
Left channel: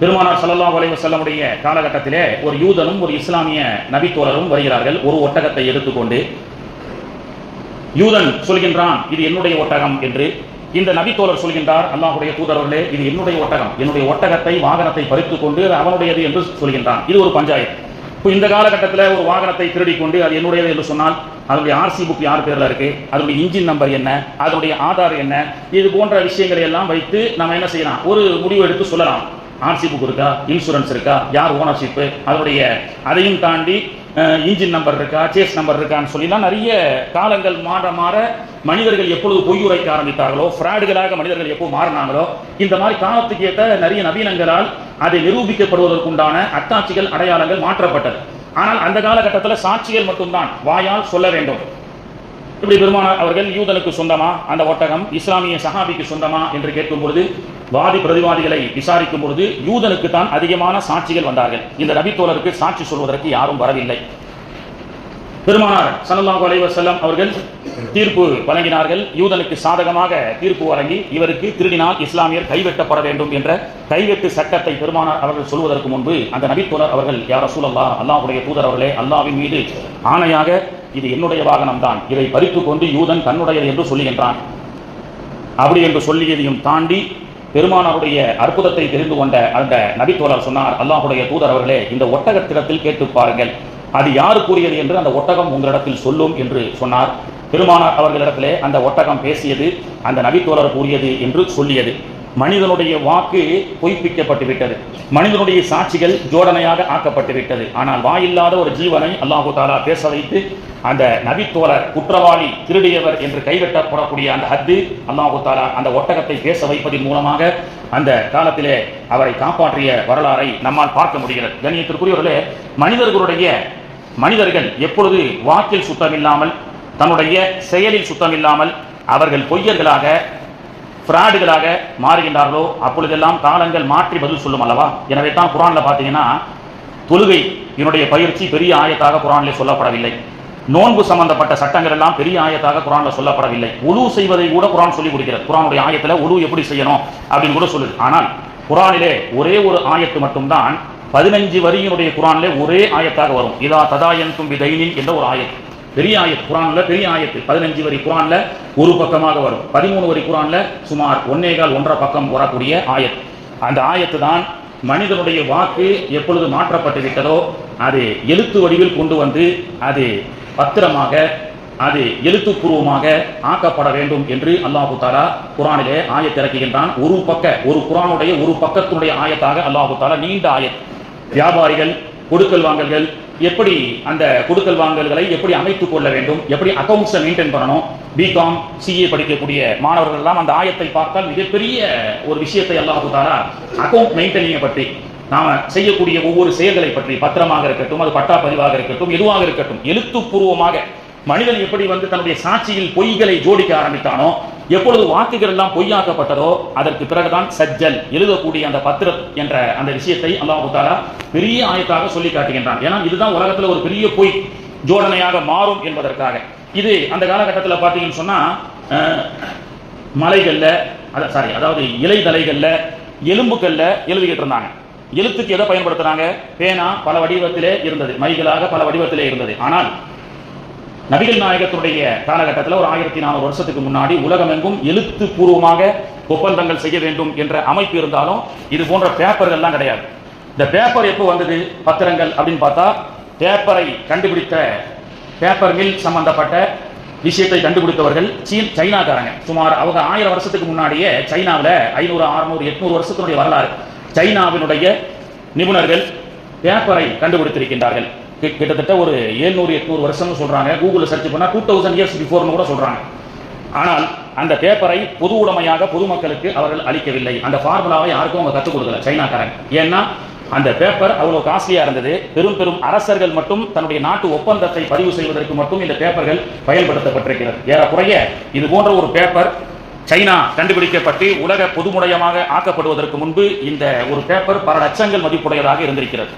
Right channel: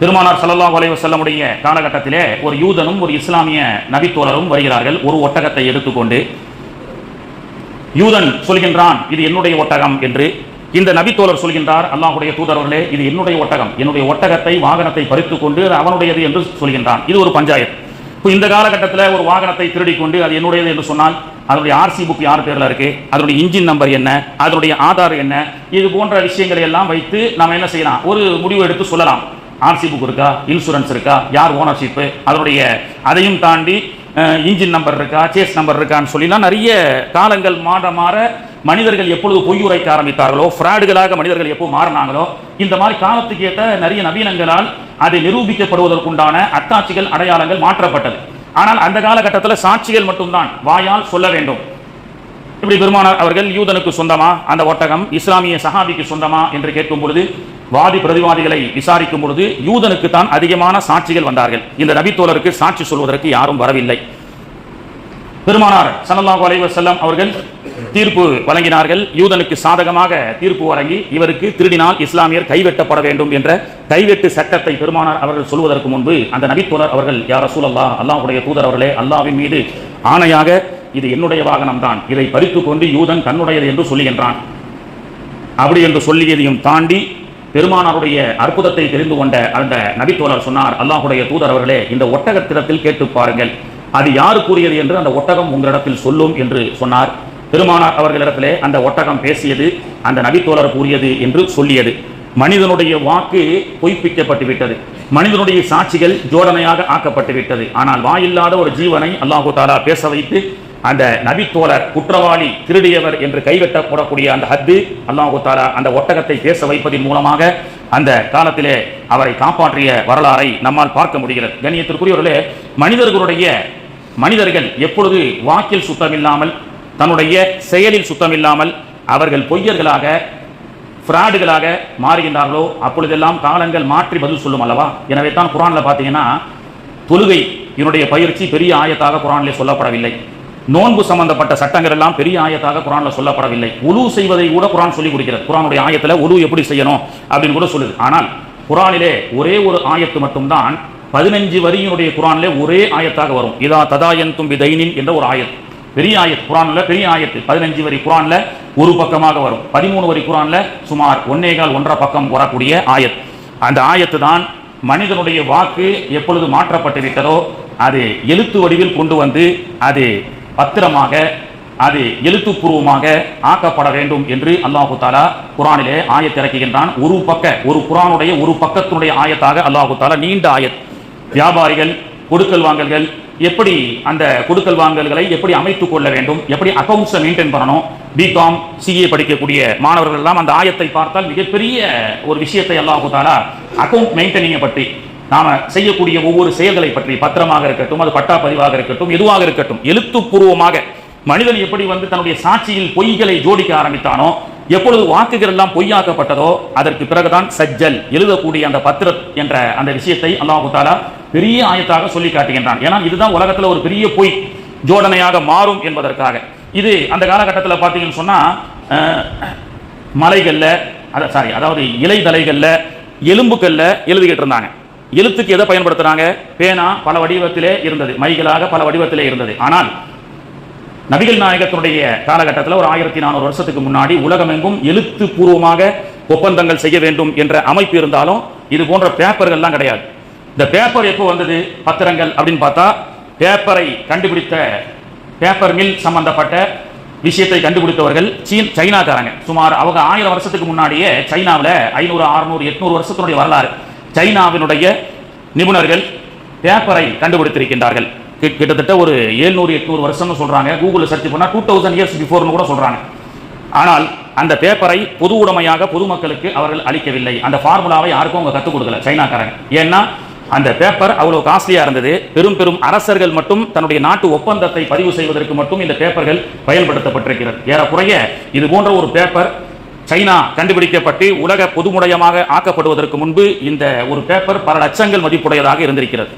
பெருமானார் ஸல்லல்லாஹு அலைஹி வஸல்லமுடைய காலகட்டத்திலே ஒரு யூதனும் ஒரு இஸ்லாமிய நபித்தோழரும் வருகிறார்கள். ஒரு ஒட்டகத்தை எடுத்துக்கொண்டு யூதன் சொல்கின்றான், இது என்னுடைய ஒட்டகம் என்று. இந்த நபித்தோழர் சொல்கின்றார், அல்லாஹ்வுடைய தூதரவர்களே, இது என்னுடைய ஒட்டகம், என்னுடைய ஒட்டகத்தை வாகனத்தை பறித்துக் கொண்டு அவனுடையது என்று சொல்கின்றான். இது ஒரு பஞ்சாயத்து. இப்போ இந்த காலகட்டத்தில் ஒரு வாகனத்தை திருடி கொண்டு அது என்னுடையது என்று சொன்னால் அதனுடைய ஆர்சி புக் யார் பேர்ல இருக்கு, அதனுடைய இன்ஜின் நம்பர் என்ன, அதனுடைய ஆதார் என்ன, இது போன்ற விஷயங்களை எல்லாம் வைத்து நாம் என்ன செய்யலாம், ஒரு முடிவு எடுத்து சொல்லலாம். ஆர்சி புக் இருக்கா, இன்சூரன்ஸ் இருக்கா, யார் ஓனர்ஷிப், அதனுடைய அதையும் தாண்டி இன்ஜின் நம்பர் இருக்கா, சேஸ் நம்பர் இருக்கான்னு சொல்லிலாம் நிறைய காலங்கள் மாற மனிதர்கள் எப்பொழுது பொய் உரைக்க ஆரம்பித்தார்களோ, ஃப்ராடுகளாக மனிதர்கள் எப்போ மாறினாங்களோ, இந்த மாதிரி காலத்துக்கு ஏற்ற நிறைய நவீனங்களால் அதை நிரூபிக்கப்படுவதற்குண்டான அத்தாட்சிகள் அடையாளங்கள் மாற்றப்பட்டது. ஆனால் அந்த காலகட்டத்தில் சாட்சிகள் மட்டும்தான், வாயால் சொல்ல வேண்டும். இப்படி பெருமானார் அவர்கள் யூதனுக்கு சொந்தமா அந்த ஒட்டகம், இஸ்லாமிய சஹாபிக்கு சொந்தமா என்று கேட்கும் பொழுது வாதி பிரதிவாதிகளை விசாரிக்கும் பொழுது யூதனுக்கு தான் அதிகமான சாட்சிகள் வந்தார்கள். இந்த நபித்தோழருக்கு சாட்சி சொல்வதற்கு யாரும் வரவில்லை. பெருமானார் ஸல்லல்லாஹு அலைஹி வஸல்லம் அவர்கள் தீர்ப்பு வழங்கினார்கள். யூதனுக்கு சாதகமாக தீர்ப்பு வழங்கி இவருக்கு திருடினால் இஸ்லாமியர் கைவெட்டப்பட வேண்டும் என்ற கைவெட்டு சட்டத்தை பெருமானார் அவர்கள் சொல்வதற்கு முன்பு அந்த நபித்தோழர் அவர்கள், யா ரசூலல்லாஹ், அல்லாஹ்வுடைய தூதர் அவர்களே, அல்லாஹ்வின் மீது ஆணையாக இது என்னுடைய வாகனம் தான், இதை பறித்துக் கொண்டு யூதன் தன்னுடையது என்று சொல்லுகின்றான். அப்படி என்று சொல்லியதையும் தாண்டி பெருமானாருடைய அற்புதத்தை தெரிந்து கொண்ட அந்த நபித்தோழர் சொன்னார், அல்லாஹ்வுடைய தூதர் அவர்களே, இந்த ஒட்டகத்திடத்தில் கேட்டு பாருங்கள், அது யாரு கூறியது என்று அந்த ஒட்டகம் உங்களிடத்தில் சொல்லும் என்று சொன்னார். பெருமானார் அவர்களிடத்திலே அந்த ஒட்டகம் பேசியது அந்த நபித்தோழர் கூறியது என்று சொல்லியது. மனிதனுடைய வாக்கு பொய்ப்பிக்கப்பட்டு விட்டது, மனிதனுடைய சாட்சிகள் ஜோடனையாக ஆக்கப்பட்டு விட்டது. ஆனால் வாயில்லாத ஒரு ஜீவனை அல்லாஹு தஆலா பேச வைத்து அந்த நபித்தோழர் குற்றவாளி, திருடியவர் என்று கைவெட்டப்படக்கூடிய அந்த ஹத்து அல்லாஹு தஆலா அந்த ஒட்டகத்தை பேச வைப்பதன் மூலமாக அந்த காலத்திலே அவரை காப்பாற்றிய வரலாறை நம்மால் பார்க்க முடிகிறது. கண்ணியத்திற்குரியவர்களே, மனிதர்கள் எப்பொழுது வாக்கில் சுத்தமில்லாமல், தன்னுடைய செயலில் சுத்தமில்லாமல் அவர்கள் பொய்யர்களாக, ஃப்ராடுகளாக மாறுகின்றார்களோ அப்பொழுதெல்லாம் காலங்கள் மாற்றி பதில் சொல்லும் அல்லவா. எனவே தான் குர்ஆன்ல பார்த்தீங்கன்னா தொழுகை என்னுடைய பயிற்சி பெரிய ஆயத்தாக குர்ஆனிலே சொல்லப்படவில்லை. நோன்பு சம்பந்தப்பட்ட சட்டங்கள் எல்லாம் பெரிய ஆயத்தாக குர்ஆன்ல சொல்லப்படவில்லை. உலு செய்வதை கூட குர்ஆன் சொல்லி கொடுக்கிறது. குர்ஆனுடைய ஆயத்துல உலு எப்படி செய்யணும் அப்படின்னு கூட சொல்லுது. ஆனால் குர்ஆனிலே ஒரே ஒரு ஆயத்து மட்டும்தான் 15 வரியினுடைய குர்ஆனிலே ஒரே ஆயத்தாக வரும். இதா ததாயன்தும் பிதைனின் என்ற ஒரு ஆயத், பெரிய ஆயத், குர்ஆன்ல பெரிய ஆயத்து. 15 வரி குர்ஆன்ல ஒரு பக்கமாக வரும். 13 வரி குர்ஆன்ல சுமார் 1.25 பக்கம் வரக்கூடிய ஆயத். அந்த ஆயத்து தான் மனிதனுடைய வாக்கு எப்பொழுது மாற்றப்பட்டு விட்டதோ அது எழுத்து வடிவில் கொண்டு வந்து அது பத்திரமாக, அது எழுத்துப்பூர்வமாக ஆக்கப்பட வேண்டும் என்று அல்லாஹு தஆலா குர்ஆனிலே ஆயத் இறக்குகின்றான். ஒரு குர்ஆனுடைய ஒரு பக்கத்துடைய ஆயத்தாக அல்லாஹு தஆலா நீண்ட ஆயத். வியாபாரிகள் கொடுக்கல் வாங்கல்கள் எப்படி, அந்த கொடுக்கல் வாங்கல்களை எப்படி அமைத்துக் கொள்ள வேண்டும், எப்படி அக்கவுண்ட்ஸை மெயின்டைன் பண்ணணும், பிகாம் சிஏ படிக்கக்கூடிய மாணவர்கள் எல்லாம் அந்த ஆயத்தை பார்த்தால் மிகப்பெரிய ஒரு விஷயத்தை அல்லாஹு தஆலா அக்கவுண்ட் மெயின்டெனிங்கை பற்றி, நாம செய்யக்கூடிய ஒவ்வொரு செயல்களை பற்றி, பத்திரமாக இருக்கட்டும், அது பட்டா பதிவாக இருக்கட்டும், எதுவாக இருக்கட்டும், எழுத்துப்பூர்வமாக மனிதன் எப்படி தன்னுடைய சாட்சியில் பொய்களை ஜோடிக்க ஆரம்பித்தானோ, எப்பொழுது வாக்குகள் எல்லாம் பொய்யாக்கப்பட்டதோ அதற்கு பிறகுதான் சஜ்ஜல் எழுதக்கூடிய அந்த பத்திரம் என்ற அந்த விஷயத்தை அல்லாஹ் தஆலா பெரிய ஆயத்தாக சொல்லி காட்டுகின்றான். ஏன்னா இதுதான் உலகத்துல ஒரு பெரிய பொய். ஜோடனையாக மாறும் என்பதற்காக. இது அந்த காலகட்டத்தில் பார்த்தீங்கன்னு சொன்னா மலைகள்ல அதாவது இலைதலைகள்ல எலும்புக்கல்ல எழுதிக்கிட்டு இருந்தாங்க. எழுத்துக்கு எதை பயன்படுத்துறாங்க? பேனா பல வடிவத்திலே இருந்தது, மைகளாக பல வடிவத்திலே இருந்தது. ஆனால் நபிகள் நாயகத்தினுடைய காலகட்டத்தில் ஒரு 1400 வருஷத்துக்கு முன்னாடி உலகமெங்கும் எழுத்து பூர்வமாக ஒப்பந்தங்கள் செய்ய வேண்டும் என்ற அமைப்பு இருந்தாலும் இது போன்ற பேப்பர்கள்லாம் கிடையாது. இந்த பேப்பர் எப்போ வந்தது? பத்திரங்கள் அப்படின்னு பார்த்தா பேப்பரை கண்டுபிடித்த பேப்பர் மில் சம்பந்தப்பட்ட விஷயத்தை கண்டுபிடித்தவர்கள் சைனாக்காரங்க. சுமார் அவங்க 1000 வருஷத்துக்கு முன்னாடியே சைனாவில் 500, 600, 800 வருஷத்தினுடைய வரலாறு. சைனாவினுடைய நிபுணர்கள் பேப்பரை கண்டுபிடித்திருக்கின்றார்கள். கிட்டத்தட்ட ஒரு 700-800 வருஷம்னு சொல்றாங்க. கூகுள் சர்ச் பண்ணா 2000 இயர்ஸ் பிஃபோர்னு கூட சொல்றாங்க. ஆனால் அந்த பேப்பரை பொது உடைமையாக பொதுமக்களுக்கு அவர்கள் அளிக்கவில்லை. அந்த ஃபார்முலாவை யாருக்கும் அவங்க கற்றுக் கொடுக்கல சைனாக்காரங்க. ஏன்னா அந்த பேப்பர் அவ்வளவு காஸ்ட்லியா இருந்தது. பெரும் பெரும் அரசர்கள் மட்டும் தன்னுடைய நாட்டு ஒப்பந்தத்தை பதிவு செய்வதற்கு மட்டும் இந்த பேப்பர்கள் பயன்படுத்தப்பட்டிருக்கிறது. ஏறக்குறைய இது போன்ற ஒரு பேப்பர் சைனா கண்டுபிடிக்கப்பட்டு உலக பொதுமுடையமாக ஆக்கப்படுவதற்கு முன்பு இந்த ஒரு பேப்பர் பல லட்சங்கள் மதிப்புடையதாக இருந்திருக்கிறது.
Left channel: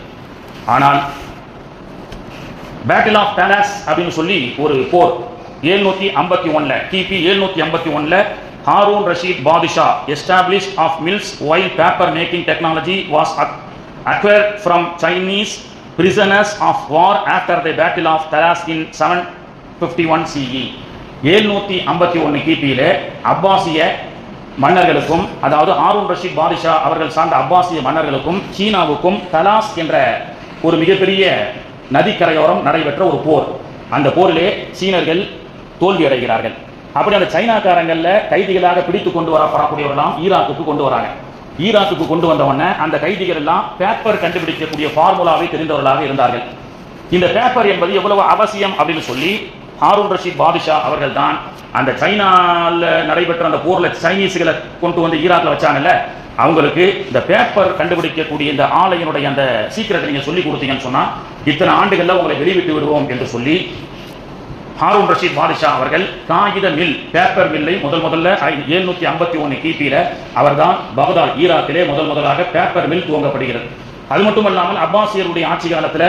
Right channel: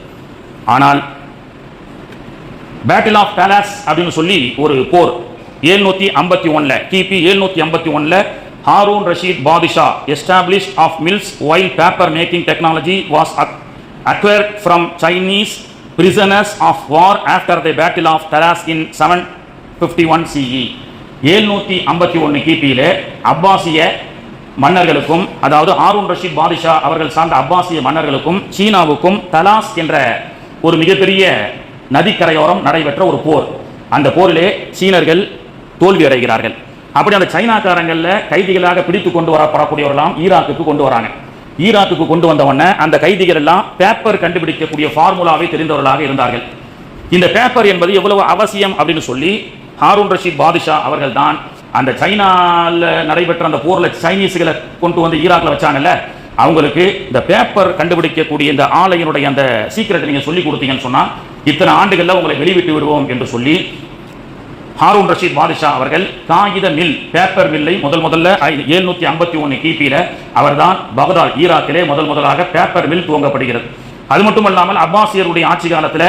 ஆனால் பேட்டில் ஆஃப் டலாஸ் அப்படின்னு சொல்லி ஒரு போர் 751 கிபி 751 Haroon Rashid Badisha established of mills while paper making technology was acquired from Chinese prisoners of war after the battle of Talas in 751 CE. 751 கிபியில அப்பாசிய மன்னர்களுக்கும், அதாவது ஹாரூன் ரஷீத் பாதிஷா அவர்கள் சார்ந்த அப்பாசிய மன்னர்களுக்கும் சீனாவுக்கும் தலாஸ் என்ற ஒரு மிகப்பெரிய நதிக்கரையோரம் நடைபெற்ற ஒரு போர். அந்த போரிலே சீனர்கள் தோல்வி அடைகிறார்கள். அப்படி அந்த சைனாக்காரங்கள்ல கைதிகளாக பிடித்து கொண்டு வரப்படக்கூடியவர்களாம் ஈராக்குக்கு கொண்டு வராங்க. ஈராக்குக்கு கொண்டு வந்தவன அந்த கைதிகள் எல்லாம் பேப்பர் கண்டுபிடிக்கக்கூடிய ஃபார்முலாவை தெரிந்தவர்களாக இருந்தார்கள். இந்த பேப்பர் என்பது எவ்வளவு அவசியம் அப்படின்னு சொல்லி ஹாரூன் ரஷீத் பாதிஷா அவர்கள் தான் அந்த சைனால நடைபெற்ற அந்த போர்ல சைனீஸ்களை கொண்டு வந்து ஈராக்ல வச்சாங்கல்ல, அவங்களுக்கு இந்த பேப்பர் கண்டுபிடிக்கக்கூடிய இந்த ஆலையினுடைய அந்த சீக்கிரத்தை நீங்க சொல்லி கொடுத்தீங்கன்னு சொன்னா இத்தனை ஆண்டுகள்ல உங்களை வெளிவிட்டு விடுவோம் என்று சொல்லி ஹாரூன் ரஷீத் பாதிஷா அவர்கள் காகித மில், பேப்பர் மில்லை முதல்ல 751 கிபியில அவர்தான் பகதாத் ஈராக்கிலே முதலாக பேப்பர் மில் துவங்கப்படுகிறது. அது மட்டுமல்லாமல் அப்பாசியருடைய ஆட்சி காலத்தில்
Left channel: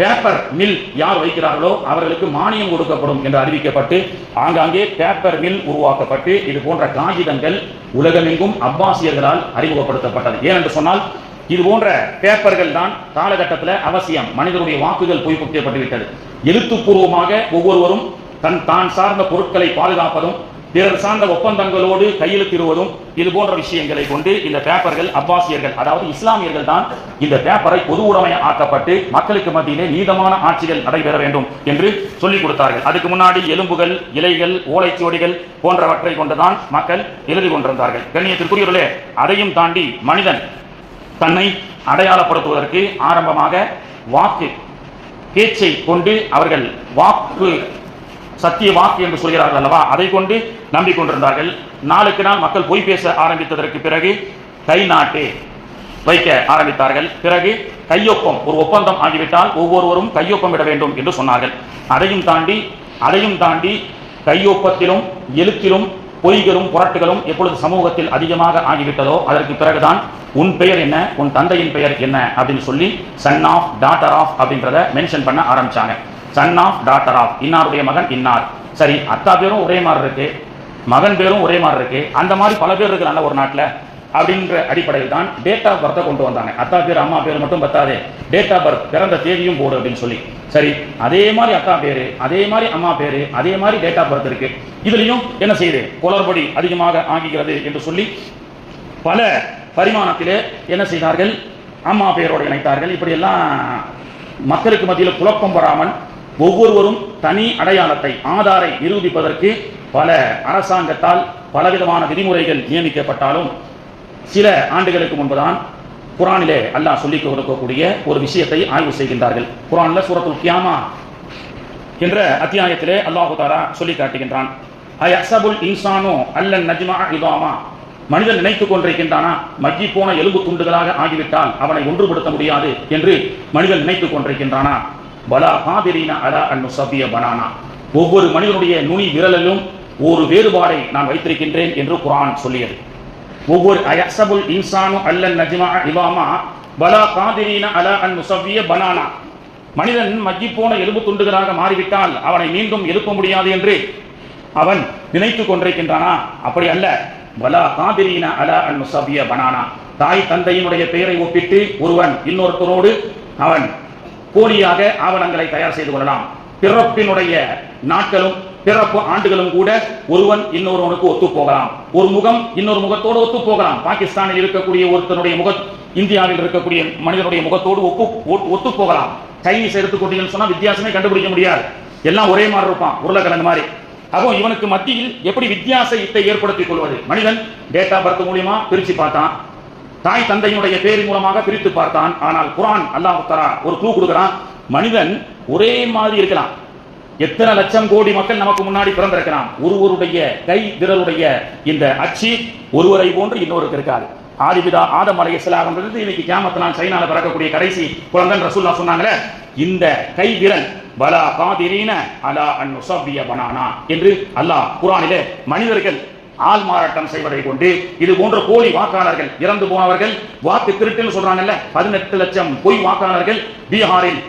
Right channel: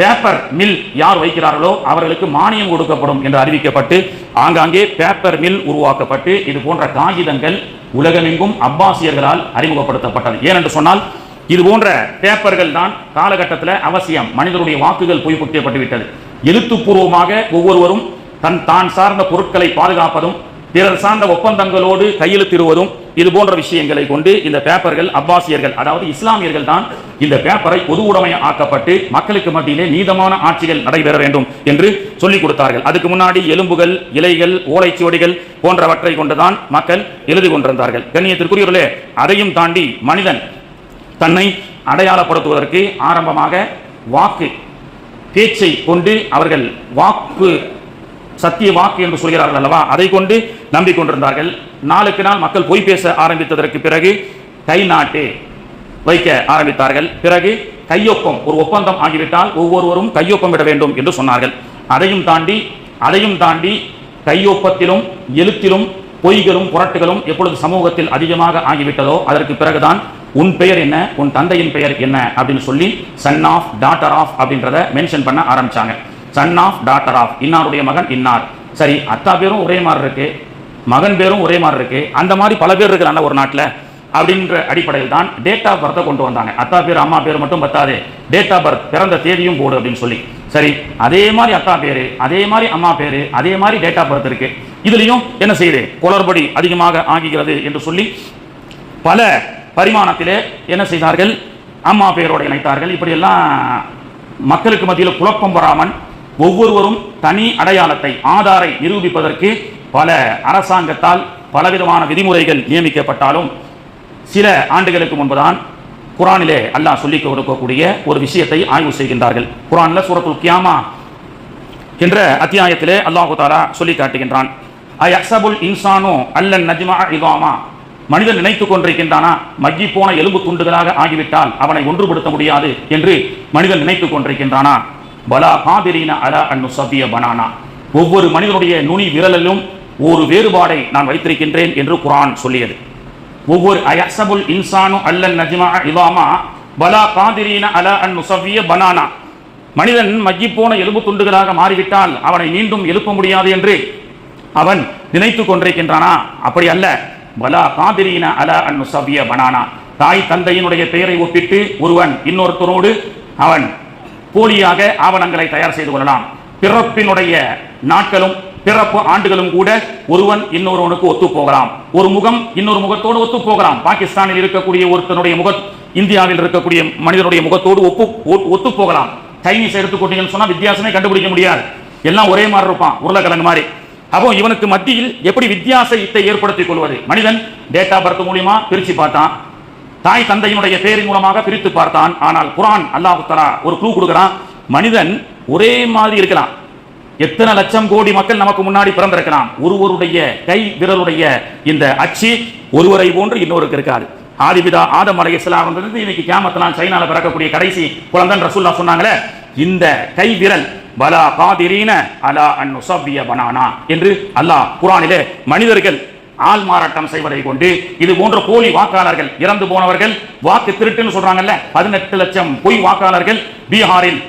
பேப்பர் மில் யார் வைக்கிறார்களோ அவர்களுக்கு மானியம் கொடுக்கப்படும் என்று அறிவிக்கப்பட்டு ஆங்காங்கே பேப்பர் மில் உருவாக்கப்பட்டு இது போன்ற காகிதங்கள் உலகமெங்கும் அப்பாசியர்களால் அறிமுகப்படுத்தப்பட்டது. ஏனென்று சொன்னால் இது போன்ற பேப்பர்கள் தான் காலகட்டத்தில் அவசியம். மனிதனுடைய வாக்குகள் பொய்ப்பிக்கப்பட்டு விட்டது. எழுத்துப்பூர்வமாக ஒவ்வொருவரும் தான் சார்ந்த பொருட்களை பாதுகாப்பதும் பிறர் சார்ந்த ஒப்பந்தங்களோடு கையெழுத்திடுவதும் இது போன்ற விஷயங்களை கொண்டு இந்த பேப்பர்கள் அப்பாசியர்கள், அதாவது இஸ்லாமியர்கள் தான் இந்த பேப்பரை பொது உடைமை ஆக்கப்பட்டு மக்களுக்கு மத்தியிலே நீதமான ஆட்சிகள் நடைபெற வேண்டும் என்று சொல்லிக் கொடுத்தார்கள். அதுக்கு முன்னாடி எலும்புகள், இலைகள், ஓலைச்சுவடிகள் போன்றவற்றை கொண்டுதான் மக்கள் எழுதி கொண்டிருந்தார்கள். கண்ணியத்திற்குரியவர்களே, அதையும் தாண்டி மனிதன் தன்னை அடையாளப்படுத்துவதற்கு ஆரம்பமாக வாக்கு, பேச்சை கொண்டு அவர்கள் வாக்கு, சத்திய வாக்கு என்று சொல்கிறார்கள் அல்லவா, அதை கொண்டு நம்பிக்கொண்டிருந்தார்கள். நாளுக்கு நாள் மக்கள் பொய் பேச ஆரம்பித்ததற்கு பிறகு கை நாட்டு வைக்க ஆரம்பித்தார்கள். பிறகு கையொப்பம், ஒரு ஒப்பந்தம் ஆகிவிட்டால் ஒவ்வொருவரும் கையொப்பம் விட வேண்டும் என்று சொன்னார்கள். அதையும் தாண்டி கையொப்பத்திலும் எழுத்திலும் பொய்களும் புரட்டுகளும் எப்பொழுது சமூகத்தில் அதிகமாக ஆகிவிட்டதோ அதற்கு பிறகுதான் உன் பெயர் என்ன, உன் தந்தையின் பெயர் என்ன அப்படின்னு சொல்லி சன் ஆஃப், டாட்டர் ஆஃப் அப்படின்றத மென்ஷன் பண்ண ஆரம்பிச்சாங்க. சன் ஆஃப், டாட்டர் ஆஃப், இன்னாருடைய மகன் இன்னார். சரி, அத்தா பேரும் ஒரே மாதிரி இருக்கு, மகன் பேரும் ஒரே மாதிரி இருக்கு, அந்த மாதிரி பல பேர் இருக்கிறாங்க ஒரு நாட்டில் அப்படின்ற அடிப்படையில் தான் டேட் ஆஃப் பர்த்தை கொண்டு வந்தாங்க. அத்தா பேர் அம்மா பேர் மட்டும் பத்தாது, டேட் ஆஃப் பர்த், பிறந்த தேதியும் போடு அப்படின்னு சொல்லி. சரி, அதே மாதிரி அத்தா பேரு, அதே மாதிரி அம்மா பேரு, அதே மாதிரி டேட் ஆஃப் பர்த் இருக்கு, இதுலயும் என்ன செய்யுது, குளறுபடி அதிகமாக ஆகிறது என்று சொல்லி பல பரிமாணத்திலே என்ன செய்தார்கள், அம்மா பெயரோடு இணைத்தார்கள். இப்படியெல்லாம் மக்களுக்கு மத்தியில் குழப்பம் வராமல் ஒவ்வொருவரும் தனி அடையாளத்தை, ஆதாரை நிரூபிப்பதற்கு பல அரசாங்கத்தால் பலவிதமான விதிமுறைகள் நியமிக்கப்பட்டாலும் சில ஆண்டுகளுக்கு முன்புதான் குர்ஆனிலே அல்லாஹ் சொல்லிக் கொடுக்கக்கூடிய ஒரு விஷயத்தை ஆய்வு செய்கின்றார்கள். குர்ஆன்ல சூரத்துல் கியாமா என்ற அத்தியாயத்திலே அல்லாஹ் தஆலா சொல்லி காட்டுகின்றான். அயஹ்சபுல் இன்சானு அல்லன் நஜ்மஅ இதாமா, மனிதன் நினைத்துக் கொண்டிருக்கின்றானா மக்கி போன எலும்பு துண்டுகளாக ஆகிவிட்டால் அவனை ஒன்றுபடுத்த முடியாது என்று மனிதன் நினைத்துக் கொண்டிருக்கின்றானா? பலா காதிரீன அலா அன் நுஸவ்விய பனானா, ஒவ்வொரு மனிதனுடைய நுனி விரலிலும் ஒரு வேறுபாடை நான் வைத்திருக்கின்றேன் என்று குர்ஆன் சொல்லியது. ஒவ்வொரு அயஹ்சபுல் இன்சானு அல்லன் நஜ்மஅ இதாமா பலா காதிரீன அலா அன் நுஸவ்விய பனானா, மனிதன் மக்கிப்போன எலும்பு துண்டுகளாக மாறிவிட்டால் அவனை மீண்டும் எழுப்ப முடியாது என்று அவன் நினைத்துக் கொண்டிருக்கின்றானா? அப்படி அல்ல. பலா காதிரீன அலா அன் நுஸவ்விய பனானா. தாய் தந்தையினுடைய பெயரை ஒப்பிட்டு ஒருவன் இன்னொருத்தரோடு அவன் போலியாக ஆவணங்களை தயார் செய்து கொள்ளலாம். பிறப்பினுடைய நாட்களும் பிறப்பு ஆண்டுகளும் கூட ஒருவன் இன்னொருவனுக்கு ஒத்து போகலாம். ஒரு முகம் இன்னொரு முகத்தோடு ஒத்து போகலாம். பாகிஸ்தானில் இருக்கக்கூடிய ஒருத்தனுடைய முகம் இந்தியாவில் இருக்கக்கூடிய மனிதனுடைய முகத்தோடு ஒத்து போகலாம். சைனீஸ் எடுத்துக்கொண்டீங்கன்னு சொன்னா வித்தியாசமே கண்டுபிடிக்க முடியாது. எல்லாம் ஒரே மாதிரி இருப்பான், உருளைக்கிழங்கு மாதிரி. அப்போ இவனுக்கு மத்தியில் எப்படி வித்தியாசத்தை ஏற்படுத்திக் கொள்வது? மனிதன் டேட் ஆஃப் பர்த் மூலமா பிரிச்சு பார்த்தான், தாய் தந்தையினுடைய பேரின் மூலமாக பிரித்து பார்த்தான். ஆனால் குர்ஆன் அல்லாஹ் தஆலா ஒரு க்ளூ கொடுக்கிறான். மனிதன் ஒரே மாதிரி இருக்கலாம். எத்தனை லட்சம் கோடி மக்கள் நமக்கு முன்னாடி பிறந்திருக்கலாம். ஒருவருடைய கை விரலுடைய இந்த அச்சு ஒருவரை போன்று இன்னொருக்கு இருக்காது. ஆதிபிதா ஆதம் அலைஹிஸ்ஸலாம் இன்னைக்கு கியாமத்லாம் சைனால பிறக்கக்கூடிய கடைசி குழந்தை ரசூலுல்லாஹ் சொன்னாங்களே, இந்த கை விரல் பலா காதிரீன அலா அன் நுஸவ்விய பனானா என்று அல்லாஹ் குர்ஆனிலே மனிதர்கள் ஆள் மாறாட்டம் செய்வதை கொண்டு இது போன்ற போலி வாக்காளர்கள், இறந்து போனவர்கள், வாக்கு திருட்டுன்னு சொல்றாங்கல்ல, 18 லட்சம் பொய் வாக்காளர்கள் பீகாரில்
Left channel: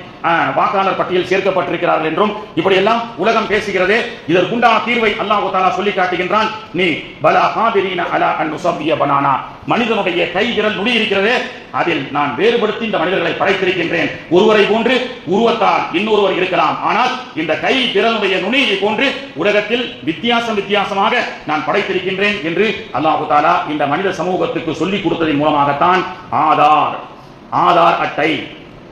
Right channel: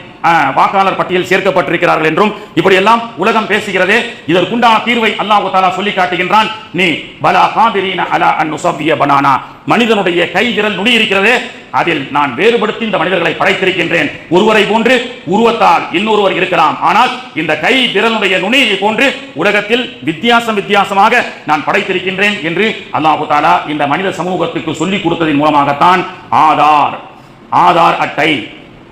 வாக்காளர் பட்டியல் சேர்க்கப்பட்டிருக்கிறார்கள் என்றும் இப்படி எல்லாம் உலகம் பேசுகிறதே. இதற்குண்டான தீர்வை அல்லாஹ் தஆலா சொல்லி காட்டுகின்றான். நீ பலா காதிரீன அலா அன் நுஸவ்விய பனானா, மனிதனுடைய கை விரல் நுனி இருக்கிறதே, அதில் நான் வேறுபடுத்தி இந்த மனிதர்களை படைத்திருக்கின்றேன். ஒருவரை போன்று உருவத்தால் இன்னொருவர் இருக்கலாம், ஆனால் இந்த கை விரலுடைய நுனியை போன்று உலகத்தில் வித்தியாசமாக நான் படைத்திருக்கின்றேன் என்று அல்லாஹ் தஆலா இந்த மனித சமூகத்துக்கு சொல்லிக் கொடுத்ததன் மூலமாகத்தான் ஆதார் அட்டை,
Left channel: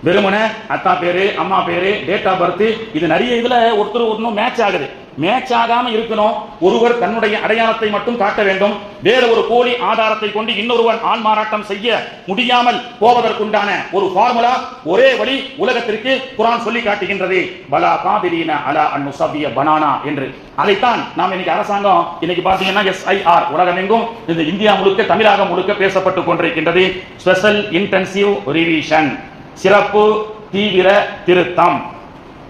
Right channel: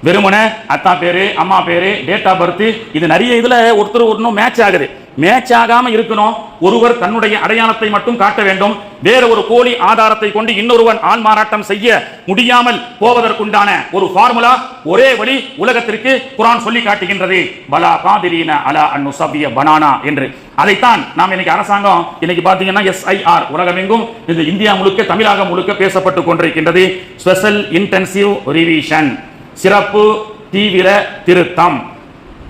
வெறுமன அத்தா பேரு அம்மா பேரு டேட் ஆஃப் பர்த், இது நிறைய இதுல ஒருத்தர் ஒன்னும் மேட்ச் ஆகுது. மேட்ச் ஆகாம இருக்கணும். ஒருவர் தன்னுடைய அடையாளத்தை மட்டும் காட்ட வேண்டும். வேற ஒரு போலி ஆதாரத்தை கொண்டு இன்னொருவன் ஆள் மாறாட்டம் செய்ய முடியாமல் போவதற்குண்டான ஒரு ஃபார்முலா, ஒரே வழி உலகத்திற்கு குர்ஆன் சொல்லி காட்டுகின்றது. பலா காதிரீன அலா அன் நுஸவ்விய பனானா என்று. அதைத்தான் நாம் இன்னைக்கு அரசாங்கம் இன்னைக்கு பாத்தீங்கன்னா SIR உலகமெங்கும், இந்த இந்தியா முழுக்க தமிழகம் முழுக்க பேசப்பட்டு கொண்டிருக்கின்றது. ஸ்பெஷல் இன்டென்சிவ் ரிவிஷன், சிறப்பு தீவிர திருத்தம்.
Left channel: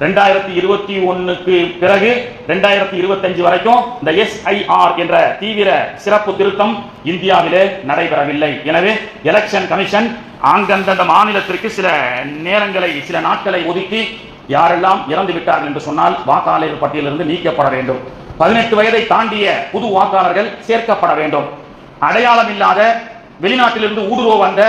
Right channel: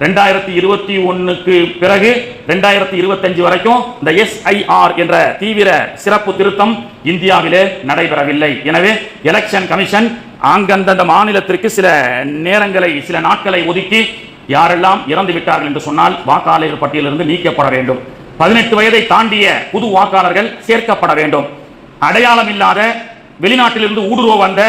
2021க்கு பிறகு 2025 வரைக்கும் இந்த SIR என்ற தீவிர சிறப்பு திருத்தம் இந்தியாவிலே நடைபெறவில்லை. எனவே எலெக்ஷன் கமிஷன் அந்தந்த மாநிலத்திற்கு சில நேரங்களை, சில நாட்களை ஒதுக்கி யாரெல்லாம் இறந்து விட்டார்கள் என்று சொன்னால் வாக்காளர் பட்டியலிருந்து நீக்கப்பட வேண்டும். 18 வயதை தாண்டிய புது வாக்காளர்கள் சேர்க்கப்பட வேண்டும். அடையாளம் இல்லாத வெளிநாட்டிலிருந்து ஊடுருவ வந்த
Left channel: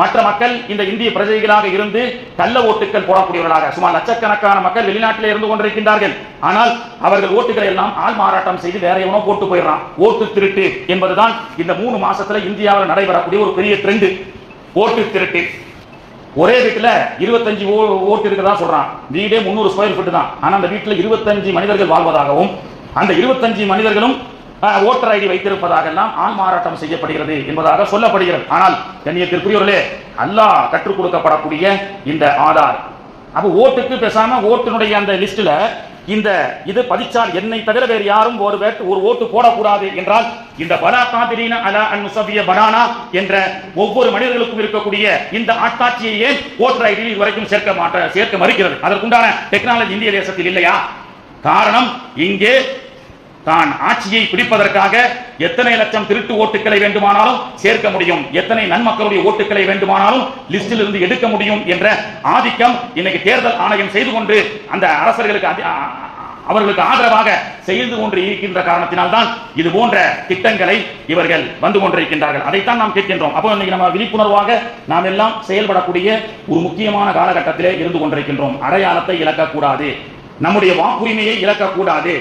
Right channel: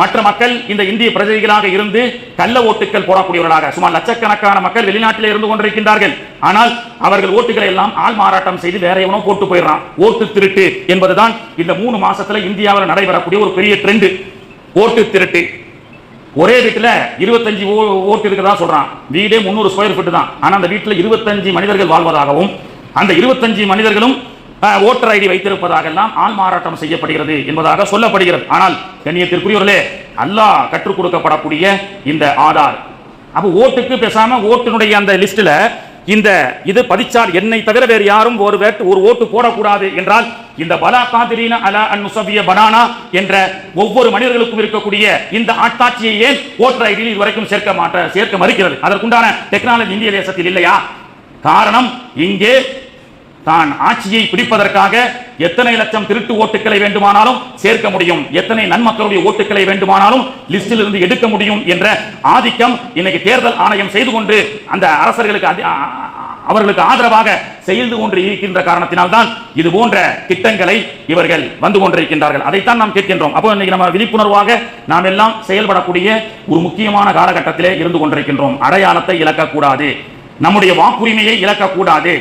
மற்ற மக்கள் இந்த இந்திய பிரஜைகளாக இருந்து கள்ள ஓட்டுகள் போடக்கூடியவர்களாக சுமார் லட்சக்கணக்கான மக்கள் வெளிநாட்டிலே இருந்து கொண்டிருக்கின்றார்கள். ஆனால் அவர்கள் ஓட்டுகளை எல்லாம் ஆள் மாறாட்டம் செய்து வேற எவனோ போட்டு போயிடறான். ஓட்டு திருட்டு என்பதுதான் இந்த 3 மாசத்துல இந்தியாவில் நடைபெறக்கூடிய ஒரு பெரிய ட்ரெண்ட். ஓட்டு திருட்டு. ஒரே வீட்டுல 25 ஓட்டு இருக்குதா சொல்றான். வீடே 300 ஸ்கொயர் ஃபீட் தான். ஆனா அந்த வீட்டுல 25 மனிதர்கள் வாழ்வதாகவும் அந்த 25 மனிதர்களும் ஓட்டர் ஐடி வைத்திருப்பதாக எல்லாம் ஆள் மாறாட்டம் செய்யப்படுகிறது என்பதாக சொல்லப்படுகிறது. ஆனால் கண்ணியத்திற்குரியவர்களே, அல்லாஹ் கற்றுக் கொடுக்கப்படக்கூடிய இந்த ஆதார், அப்ப ஓட்டுக்கு பேசாம ஓட்டுனுடைய அந்த லிஸ்ட்ல இந்த இது பதிச்சால் என்னை தவிர வேறு யாரும் ஒரு ஓட்டு போடக்கூடாது என்றால் இந்த பலா காதிரீன அலா அன் நுஸவ்விய பனானா என்ற ஒவ்வொரு மனிதர்களுக்கும் இருக்கக்கூடிய இந்த ஆட்காட்சியை ஏன் ஓட்டர் ஐடியில் இதுவரைக்கும் சேர்க்க மறுக்கிறது? அதற்குண்டான டெக்னாலஜி இந்திய தேசத்தில் இல்லையா? காரணம், இங்கே தான் ஆட்சியை பிடிப்பதற்காக எத்தனை லட்சம் திருட்டு ஓட்டுகளை வேண்டுமானாலும் சேர்க்க முடியும், எத்தனை நன்மக்களுடைய ஓட்டுகளை வேண்டுமானாலும் லிஸ்டில் இருந்து எடுக்க முடியும் என்ற ஆதிக்கம் இன்னைக்கு தேர்தல் ஆணையம் செய்து கொண்டு அந்த அரசர்களுக்கு அவர்களுக்கு ஆதரவாக செய்து கொண்டு இருக்கின்ற காரணத்தினால்தான் இது போன்ற திட்டங்களை இவர்கள் வந்து கொண்டிருக்கின்றார்கள். அதைத்தான் நாம் கேட்கின்றோம். அப்போ இன்னைக்கு நம்ம விழிப்புணர்வாக நாம் எல்லாம் செயல்படக்கூடிய ஒரு முக்கியமான காலகட்டத்திலே இருந்து கொண்டிருக்கின்றோம். அடையாளத்தை இழக்கக்கூடாது, நம்முடைய வாக்குரிமையை இழக்கக்கூடாது.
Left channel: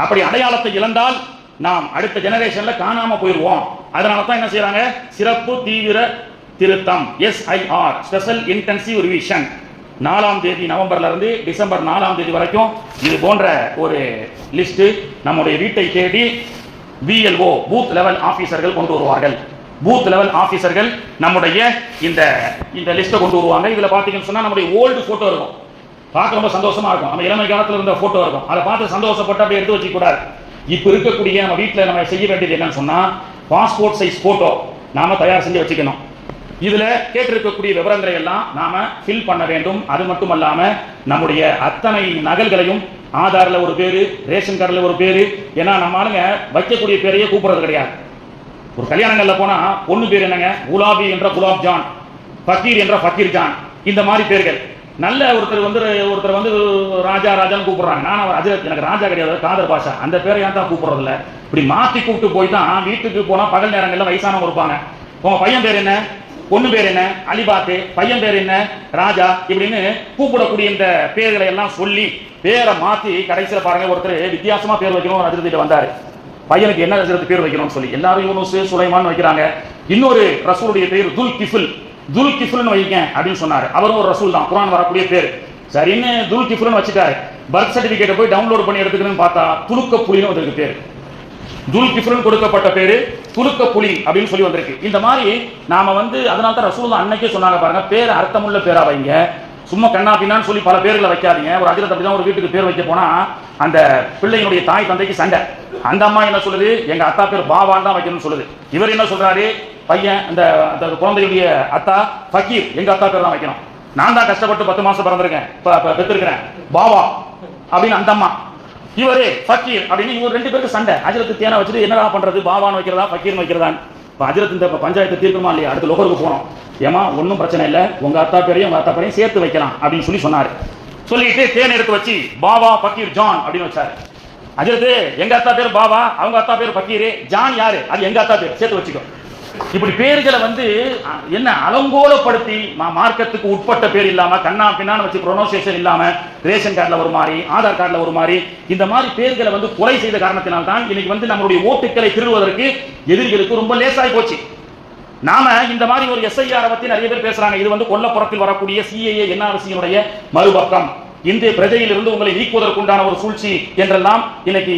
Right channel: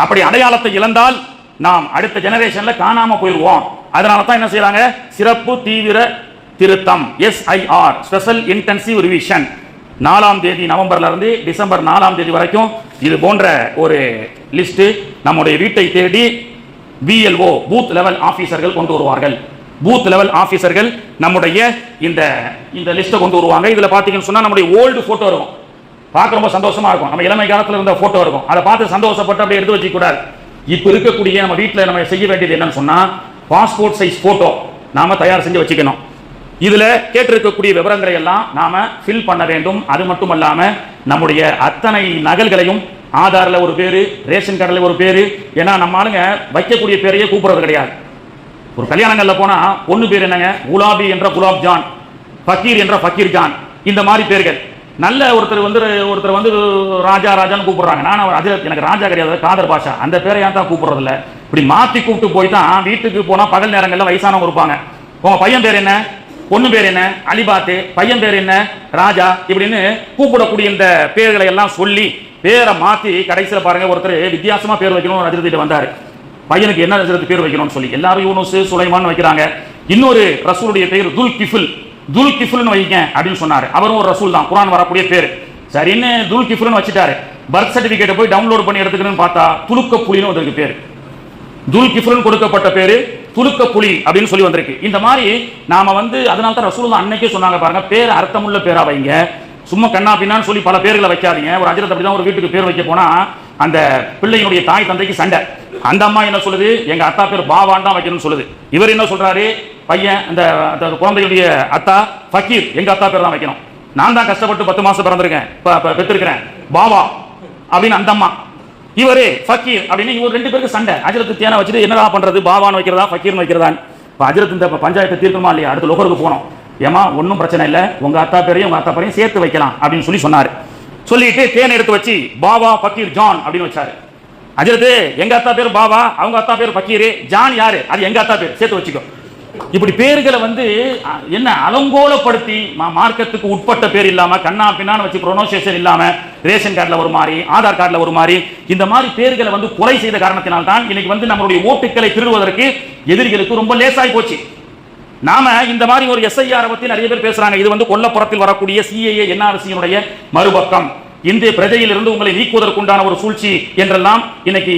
அப்படி அடையாளத்தை இழந்தால் நாம் அடுத்த ஜெனரேஷன்ல காணாம போயிடுவோம். அதனால தான் என்ன செய்யறாங்க, சிறப்பு தீவிர திருத்தம் SIR ஸ்பெஷல் இன்டென்சிவ் ரிவிஷன் 4ஆம் தேதி நவம்பர்ல இருந்து டிசம்பர் 4ஆம் தேதி வரைக்கும் இது போன்ற ஒரு லிஸ்ட் நம்முடைய வீட்டை தேடி BLO பூத் லெவல் ஆபீசர்கள் கொண்டு வருவார்கள். பூத் லெவல் ஆபீசர்கள் நம்முடைய இந்த லிஸ்ட்டை கொண்டு வருவாங்க. இதுல பாத்தீங்கன்னு சொன்னா நம்முடைய ஓல்டு போட்டோ இருக்கும், பார்க்க ரொம்ப சந்தோஷமா இருக்கும். நம்ம இளமை காலத்துல இருந்த போட்டோ இருக்கும், அதை பார்த்து சந்தோஷப்பட்டு அப்படியே எடுத்து வச்சுக்க கூடாது. இப்ப இருக்கக்கூடிய நம்ம வீட்டுல நம்ம செய்ய வேண்டியது என்னன்னு சொன்னா, பாஸ்போர்ட் சைஸ் போட்டோ நாம தயார் செஞ்சு வச்சுக்கணும். இதுல கேட்டிருக்கக்கூடிய விவரங்களை எல்லாம் நாம ஃபில் பண்ண வேண்டும். அது மட்டும் இல்லாம நம்முடைய அத்தனை நகல்களையும், ஆதார்ல ஒரு பேரு, ரேஷன் கார்டுல ஒரு பேரு, ஏன்னா நம்ம ஆளுங்க வைக்கக்கூடிய பேரையே கூப்பிடுறது கிடையாது. ஒரு கல்யாணங்கள்ல போனா பொண்ணு பேர் என்னங்க, குலாபி என்ற குலாப் ஜான், ஃபக்கீர் என்ற ஃபக்கீர் ஜான், இந்த மாதிரி பேர்கள். நல்ல ஒருத்தர் வந்து ராஜா ராஜான்னு கூப்பிடுறாங்க. நான் எனக்கு ராஜா கிடையாது, காதர் பாஷா, அந்த பேரை ஏன் தான் கூப்பிடுறது இல்லை. இப்படி மாற்றி கூப்பிட்டு போய் தான் வீட்டுக்கு போனா பகல் நேரங்கள்ல வயசானவங்க இருப்பாங்க. உங்க பையன் பேர் என்ன, பொண்ணு பேர் என்ன, அலிபாத்து, பையன் பேர் என்ன, ராஜா, இப்படின்னு கூப்பிடக்கூடிய இந்த பேர்களை எல்லாம் சொல்லி பேரை மாத்தி கடைசியில் பாருங்க ஒருத்தர் வித்தியாசமா பேர் வைக்கணும் ஹஜ்ரத் வந்தாரு. பையனுக்கு என்ன ஹஜ்ரத் பேர் வைக்கணும்னு சொல்லி எல்லாரும் யூனுஸ் சுலைமான் வைக்கிறாங்க. இன்னொரு ரசூலுடைய பேர் துல் கிஃபில்னு வைக்க அப்படின்னு சொன்னாரு. அவரும் ஒரு ரசூல் தான், குர்ஆன் வரக்கூடிய பேர். சரி, என்ன துல் கிஃபில்னு வச்சுட்டாரு. பர்த் சர்டிபிகேட்டை போய் டவுன்லோட் பண்ணி எடுத்துக்கணும்னு பார்த்தா துலுக்க புலின்னு ஒரு பேர். துல் கிஃபில்னு கொடுக்கப்பட்ட பேரு துலுக்க புலி அப்படின்னு சொல்லி வந்திருக்கு. இந்த மாதிரி நாம அதனால தான் ரசூலுல்லாஹ் அன்னைக்கே சொன்னாங்க பாருங்க, பேர் அர்த்தமுள்ள பேரா வைங்க, சும்மா கண்ணா பின்னான்னு சொல்லி பல பேர்களை வைக்காதீங்க. ஒரு ஹஜ்ரத் அப்படிதான் ஒரு வீட்டுக்கு பேர் வைக்க போனா அந்த பிள்ளையினுடைய தாய் தந்தைக்கு சண்டை. அந்த அம்மா என்ன சொல்லுது, எங்க அத்தா பேர் பாவான் தான் வைக்கணும்னு சொல்லுது. இவர் என்ன சொல்றாரு, பையன் இந்த குழந்தையுடைய அத்தா ஃபக்கீர், எங்க அத்தா பேர் தான் வைக்கணும், நான் தான் கஷ்டப்பட்டு 10 மாசம் பிறந்திருக்கேன் பெற்றிருக்கிறேன் பாவா அப்படின்னு அந்த அம்மா, இவரே ஃபக்கீர் அப்படின்னு இவர் 2 பேருக்கு சண்டை. ஹஜ்ரத் தேனை வச்சுட்டு என்னடா பண்றது, பாவான் வைக்கிறதா ஃபக்கீர்னு வைக்கிறதா. ஹஜ்ரத் இந்த பஞ்சாயத்தை தீர்க்கமா இல்லையா, அடுத்த லோகருக்கு போனோம். ஏமா ஒன்றும் பிரச்சனை இல்லை, உங்க அத்தா பேரையும் உங்க அத்தா பேரையும் சேர்த்து வைக்கலாம் அப்படின்னு சொல்லி சொன்னாரு. சொல்லிட்டு தேன் எடுத்து வச்சு பாவா ஃபக்கீர் ஜான் அப்படின்னு வச்சாரு. ஹஜ்ரத் எங்க அத்தா பேர் பாவா, அவங்க அத்தா பேர் ஃபக்கீர், ஜான் யாரு, அது எங்க அத்தா பேர், சேர்த்து வச்சுக்கோ. இப்படி பேர்களை என்ன அலங்கோலப்படுத்தி மார்க்கத்துக்கு உட்பட்ட பேர் இல்லாம கண்ணா பின்னான்னு வச்சு ப்ரொனன்சியேஷன் இல்லாம ரேஷன் கார்டுல ஒரு மாதிரி, ஆதார் கார்டுல ஒரு மாதிரி, இந்த மாதிரி பேர்களை கொலை செய்த காரணத்தினால் தான் இன்னைக்கு நம்மளுடைய ஓட்டுக்களை திருடுவதற்கு எதிரிகளுக்கு ரொம்ப லேசாய் போச்சு. நாம இந்த மாதிரி ஒரு எஸ்ஐஆர் பத்தி நிறைய பேர் பேசுறாங்க. இது கொல்லப்புறத்தில் வரக்கூடிய சிஏஏ என்ஆர்சியினுடைய மறுபக்கம், இந்திய பிரஜையிலிருந்து உங்களை நீக்குவதற்குண்டான ஒரு சூழ்ச்சி என்றெல்லாம் இன்னைக்கு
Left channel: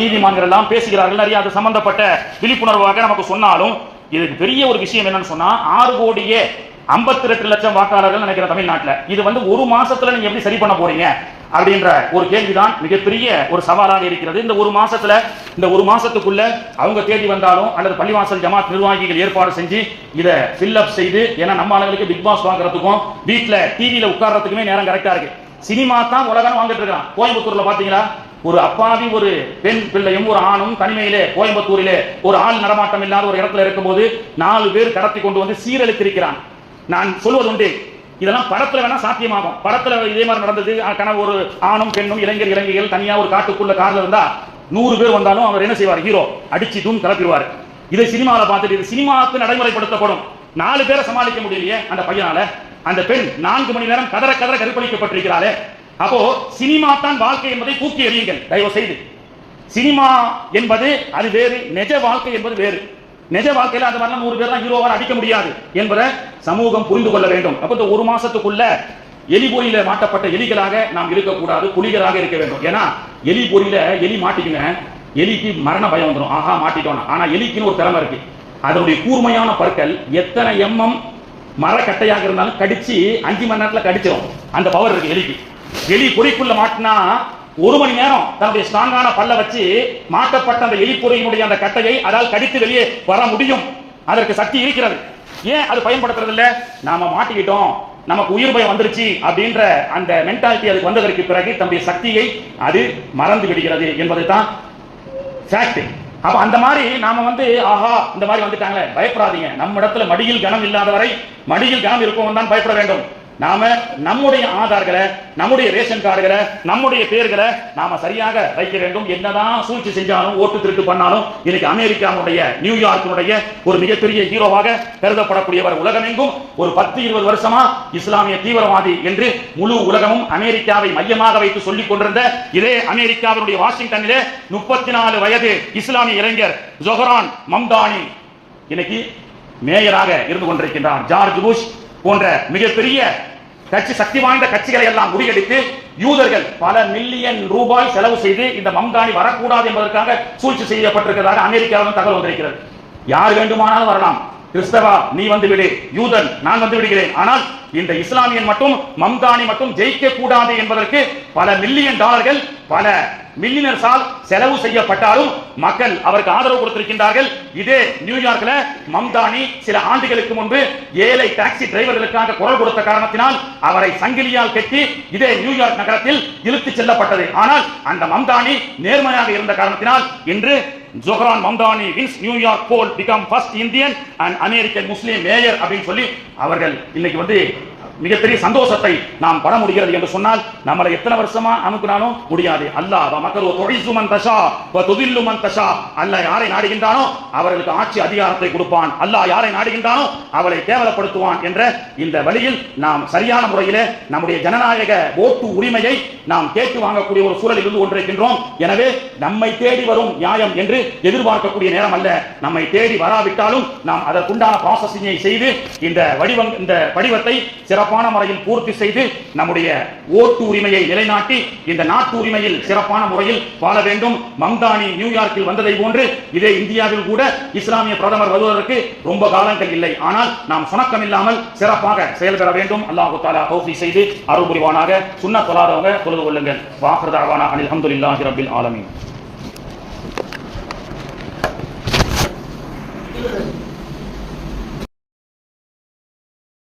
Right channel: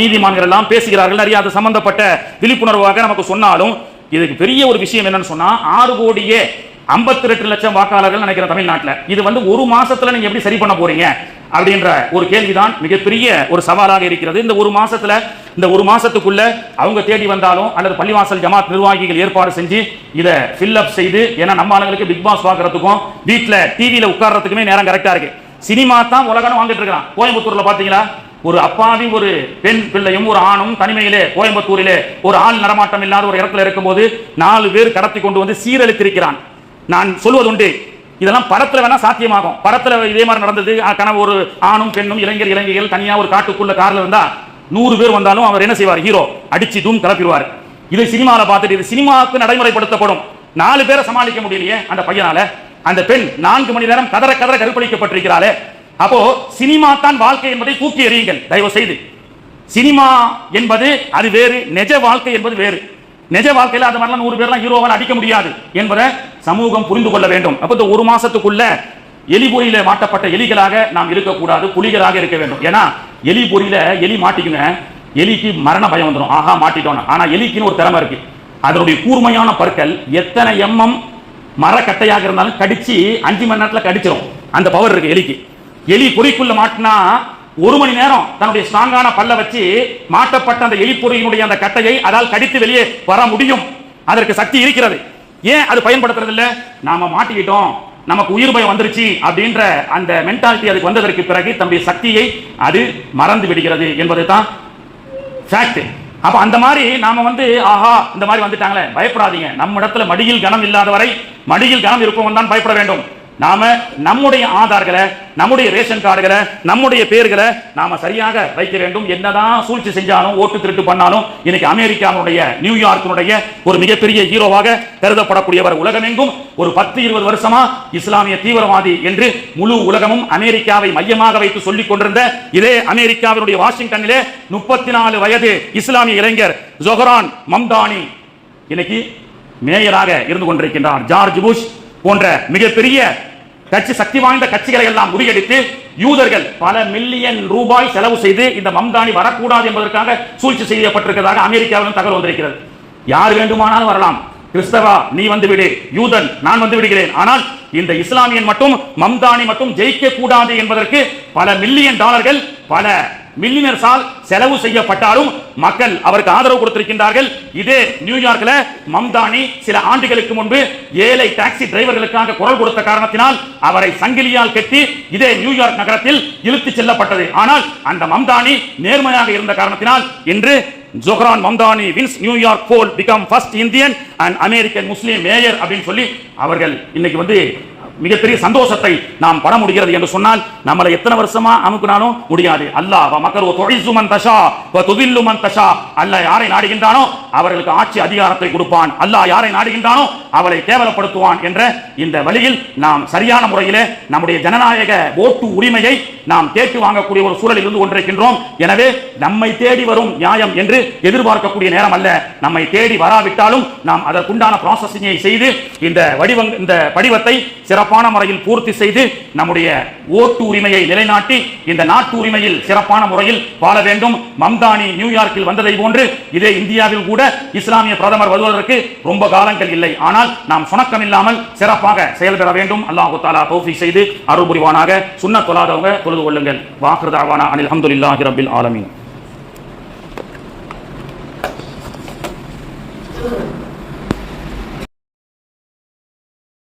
நீதிமன்றங்கள் எல்லாம் பேசுகிறார்கள். நிறைய அது சம்பந்தப்பட்ட விழிப்புணர்வாக நமக்கு சொன்னாலும் இதுக்கு பெரிய ஒரு விஷயம் என்னன்னு சொன்னா 6,52,00,000 வாக்காளர்கள் நினைக்கிற தமிழ்நாட்டில் இது ஒரு மாசத்துல நீங்க எப்படி சரி பண்ண போறீங்க அப்படின்ற ஒரு கேள்விதான் மிகப்பெரிய ஒரு சவாலாக இருக்கிறது. இந்த ஒரு மாசத்துக்குள்ள அவங்க தேடி வந்தாலும் அல்லது பள்ளிவாசல் ஜமாத் நிர்வாகிகள் ஏற்பாடு செஞ்சு இதை ஃபில் அப் செய்து, ஏன்னா நம்ம ஆளுங்களுக்கு பிக் பாஸ் பார்க்கறதுக்கும் வீட்டுல டிவியில உட்கார்றதுக்குமே நேரம் கரெக்டா இருக்கு. சினிமா தான் உலகம் வாங்கிட்டு இருக்கான். கோயம்புத்தூர்ல பாத்தீங்களா, ஒரு அப்பாவி ஒரு பெண் பிள்ளையும் ஒரு ஆணும் தனிமையிலே கோயம்புத்தூரிலே ஒரு ஆள் நடமாட்டம் இல்லாத ஒரு இடத்துல இருக்கும்போது 4 பேர் கடத்தி கொண்டு வந்து சீரழித்திருக்கிறான். நான் சொல்வது உண்டு, இதெல்லாம் படத்துல வேணா சாத்தியமாகும். படத்துல இதே மாதிரி நடந்தது. கனவு ஒரு ஆணும் பெண்ணும் இளைஞர்கள் தனியா ஒரு காட்டுக்குள்ள கார்ல இருந்தா 100 பேர் வந்தாலும் அவர் என்ன செய்வார், ஹீரோ அடிச்சு தூம் கிளப்பிடுவார். இது சினிமால பார்த்துட்டு இது சினிமாவுக்கு நடைமுறைப்படுத்தப்படும். 4 பேரை சமாளிக்க முடியலையே அந்த பையனால. அந்த பெண் 4 மணி நேரம் கதற கற்பழிக்கப்பட்டிருக்கிறாளே. அப்போ சினிமா தான் வாழ்க்கை என்பதை தூக்கி எறியுங்கள் தயவு செய்து. சினிமா என்பது அது வேறு, நிஜ வாழ்க்கை என்பது வேறு. நிஜ வாழ்க்கையில அந்த மாதிரி 100 பேர்லாம் ஹீரோவால் அடிக்க முடியாது என்பதை சமூகம் புரிந்து கொள்ள வேண்டும். அப்ப இந்த ஒரு மாசத்துக்குள்ள எலிபொறியில மாட்டப்பட்ட எலிகளாக நாம் இருக்கக்கூடாது, புலிகளாக இருக்க வேண்டும். ஏன்னா எலிபொறியில எலி மாட்டிக்குங்க, எலிக்கு மரண பயம் வந்துடும், ஆஹா மாட்டிட்டோம். ஆனா எலிக்குன்னு ஒரு திறமை இருக்கு, அதனுடைய கூர்மையான பற்கள் எத்தனை எம்எம் மரக்கட்டையாக இருந்தாலும் கடிச்சு 5 மணி நேரத்துல கடிச்சிடும். அந்த பவர் இருக்கு எலிக்கு. எலி பொறிக்குள்ள மாட்டினா 1 மணி நேரம் தன்னுடைய ஸ்ட்ராங்கான பல்ல வச்சு மாட்டப்பட்ட அந்த எலிப்பொறியினுடைய அந்த கட்டையை அதால் கடித்து வெளியே வர முடியும். அதற்கு சக்தி இருக்கிறது. ஏன் அது பயன்படுத்துறது இல்ல? நாம மாட்டிக்கிட்டோம், நமக்கு உயிர் பயம் வந்துருச்சு அப்படின்ற அந்த மென்டாலிட்டி அதுக்கு வந்ததற்கு பிறகு தன்னுடைய சக்தியை அது மறந்து விடுகிறது என்பது தான் ஃபேக்ட். அப்ப அந்த மாதிரி நாம ஆஹா இந்த மாதிரி வந்துட்டாங்களே, பயப்படாதீங்க. நம்ம இடத்துல மடியில் கனம் இல்லாதவரை மடியில் கனம் இருப்பவன் தான் பயப்பட வேண்டும். நாம நம்முடைய ஆதார்களை, நம்முடைய ரேஷன் கார்டுகளை, நம்முடைய பேர்களை நாம சரியாக வைக்க வேண்டும். என்னதான் சூழ்ச்சி செஞ்சாலும் ஓட்டு திருட்டு பண்ணாலும் இன்னைக்கு அமெரிக்காவுடைய நியூயார்க்கினுடைய ஒரு மிகப்பெரிய ஹீரோவாக கருதப்படக்கூடியவர் உலகமெங்கும் ஒரு 10-20 வருஷமா இஸ்லாமிய தீவிரவாதி என்று முழு உலகமும் அமெரிக்காவை மையமாக வைத்து சொல்லிக் கொண்டிருந்த இதே அமெரிக்காவினுடைய வாஷிங்டனிலே 34 வயது இஸ்லாமிய இளைஞர் ஜொஹரான் மம்தானி இன்னைக்கு மேயராக இருந்து கொண்டிருக்கின்றார். ஜார்ஜ் புஷ் போன்ற மிகப்பெரிய கட்சி, சக்தி வாய்ந்த கட்சிகளை எல்லாம் முறியடித்து யூதர்கள் பல மில்லியன் ரூபாய் செலவு செய்து இந்த மம்தானி வரக்கூடாது என்பதற்காக சூழ்ச்சி செய்யப்பட்டிருக்கிறதாக அமெரிக்காவிலும் தகவல் வந்திருக்கிறது. யார் வேண்டுமானாலும் வரலாம், கிறிஸ்தவா நீ வந்து விடு, யூதன் நான் வந்து விடுகிறேன், ஆனால் இந்த இஸ்லாமியன் மட்டும் மம்தானி மட்டும் ஜெயிக்க கூடாது என்பதற்கு பல மில்லியன் டாலர்கள் பல மில்லியனர்ஸால் செலவு செய்யப்பட்டாலும் மக்கள் அவருக்கு ஆதரவு கொடுத்திருக்கின்றார்கள். இதே நியூயார்க்ல மம்தானி சில ஆண்டுகளுக்கு முன்பு ஏழை டாக்ஸி டிரைவர்களுக்காக குரல் கொடுத்த காரணத்தினால் அவரை சங்கிலியால் கட்டி இதே நியூயார்க் நகரத்தில் இழுத்துச் செல்லப்பட்டது. ஆனால் அந்த மம்தானி நேர்மையாக இருந்த காரணத்தினால் இன்று Zohran Mamdani wins New York poll become first Indian and American Muslim mayor அப்படின்னு சொல்லி அவர்கள் இன்னைக்கு மிகப்பெரிய சந்தோஷத்தை நாம் பட முடிகிறது என்று சொன்னால் நம்மளை எத்தனை வருஷமா அமுக்குனாலும் முடியாது. அல்லாஹ் மக்கரு துஇஸ்ஸு மன் தஷா வ துதில்லு மன் தஷா, அல்லாஹ் யாரை நாடுகின்றானோ அவர்களுக்கு ஆட்சி அதிகாரத்தை கொடுப்பான், அல்லாஹ் யாரை நாடுகின்றானோ அவரை கேவலப்படுத்துவான் என்ற இந்த வழியில் நாம் சரியான முறையிலே நம்முடைய ஜனநாயக ஓட்டு உரிமையை நாம் கேட்டு வாங்கக்கூடிய ஒரு சூழலில் இருந்து கொண்டிருக்கின்றோம். எனவே நம்மை தேடி வரும் நியாயம் என்று எதிர்பார்க்கக்கூடிய நேரம் அல்ல. நம்மை தேடி வராவிட்டாலும் நாம் அதற்குண்டான ப்ராசஸிங்கை செய்து இந்த படிவத்தை சிறப்பான முறையில் பூர்த்தி செய்து நம்முடைய ஓட்டு உரிமையை நிலைநாட்டி இந்த நாட்டு உரிமையில் சிறப்பான முறையில் வாழ வேண்டும். மம்தானி நியூயார்க்கில் வந்ததை போன்று இதே இந்தியாவில் கூட இஸ்லாமிய பிரதமர் வருவதற்கு ரொம்ப காலங்கள் இல்லை. ஆனால் நாம் சுணக்கம் இல்லாமல் சிறப்பாக செயல்பட வேண்டும். அல்லாஹ் தஆலா தௌஃபீக் செய்து அருள் புரிவானாக. சுன்னத் தொழாதவங்க தொழுது கொள்ளுங்கள். வாஹிரு தஅவானா அனில் ஹம்துலில்லாஹி ரப்பில் ஆலமீன்.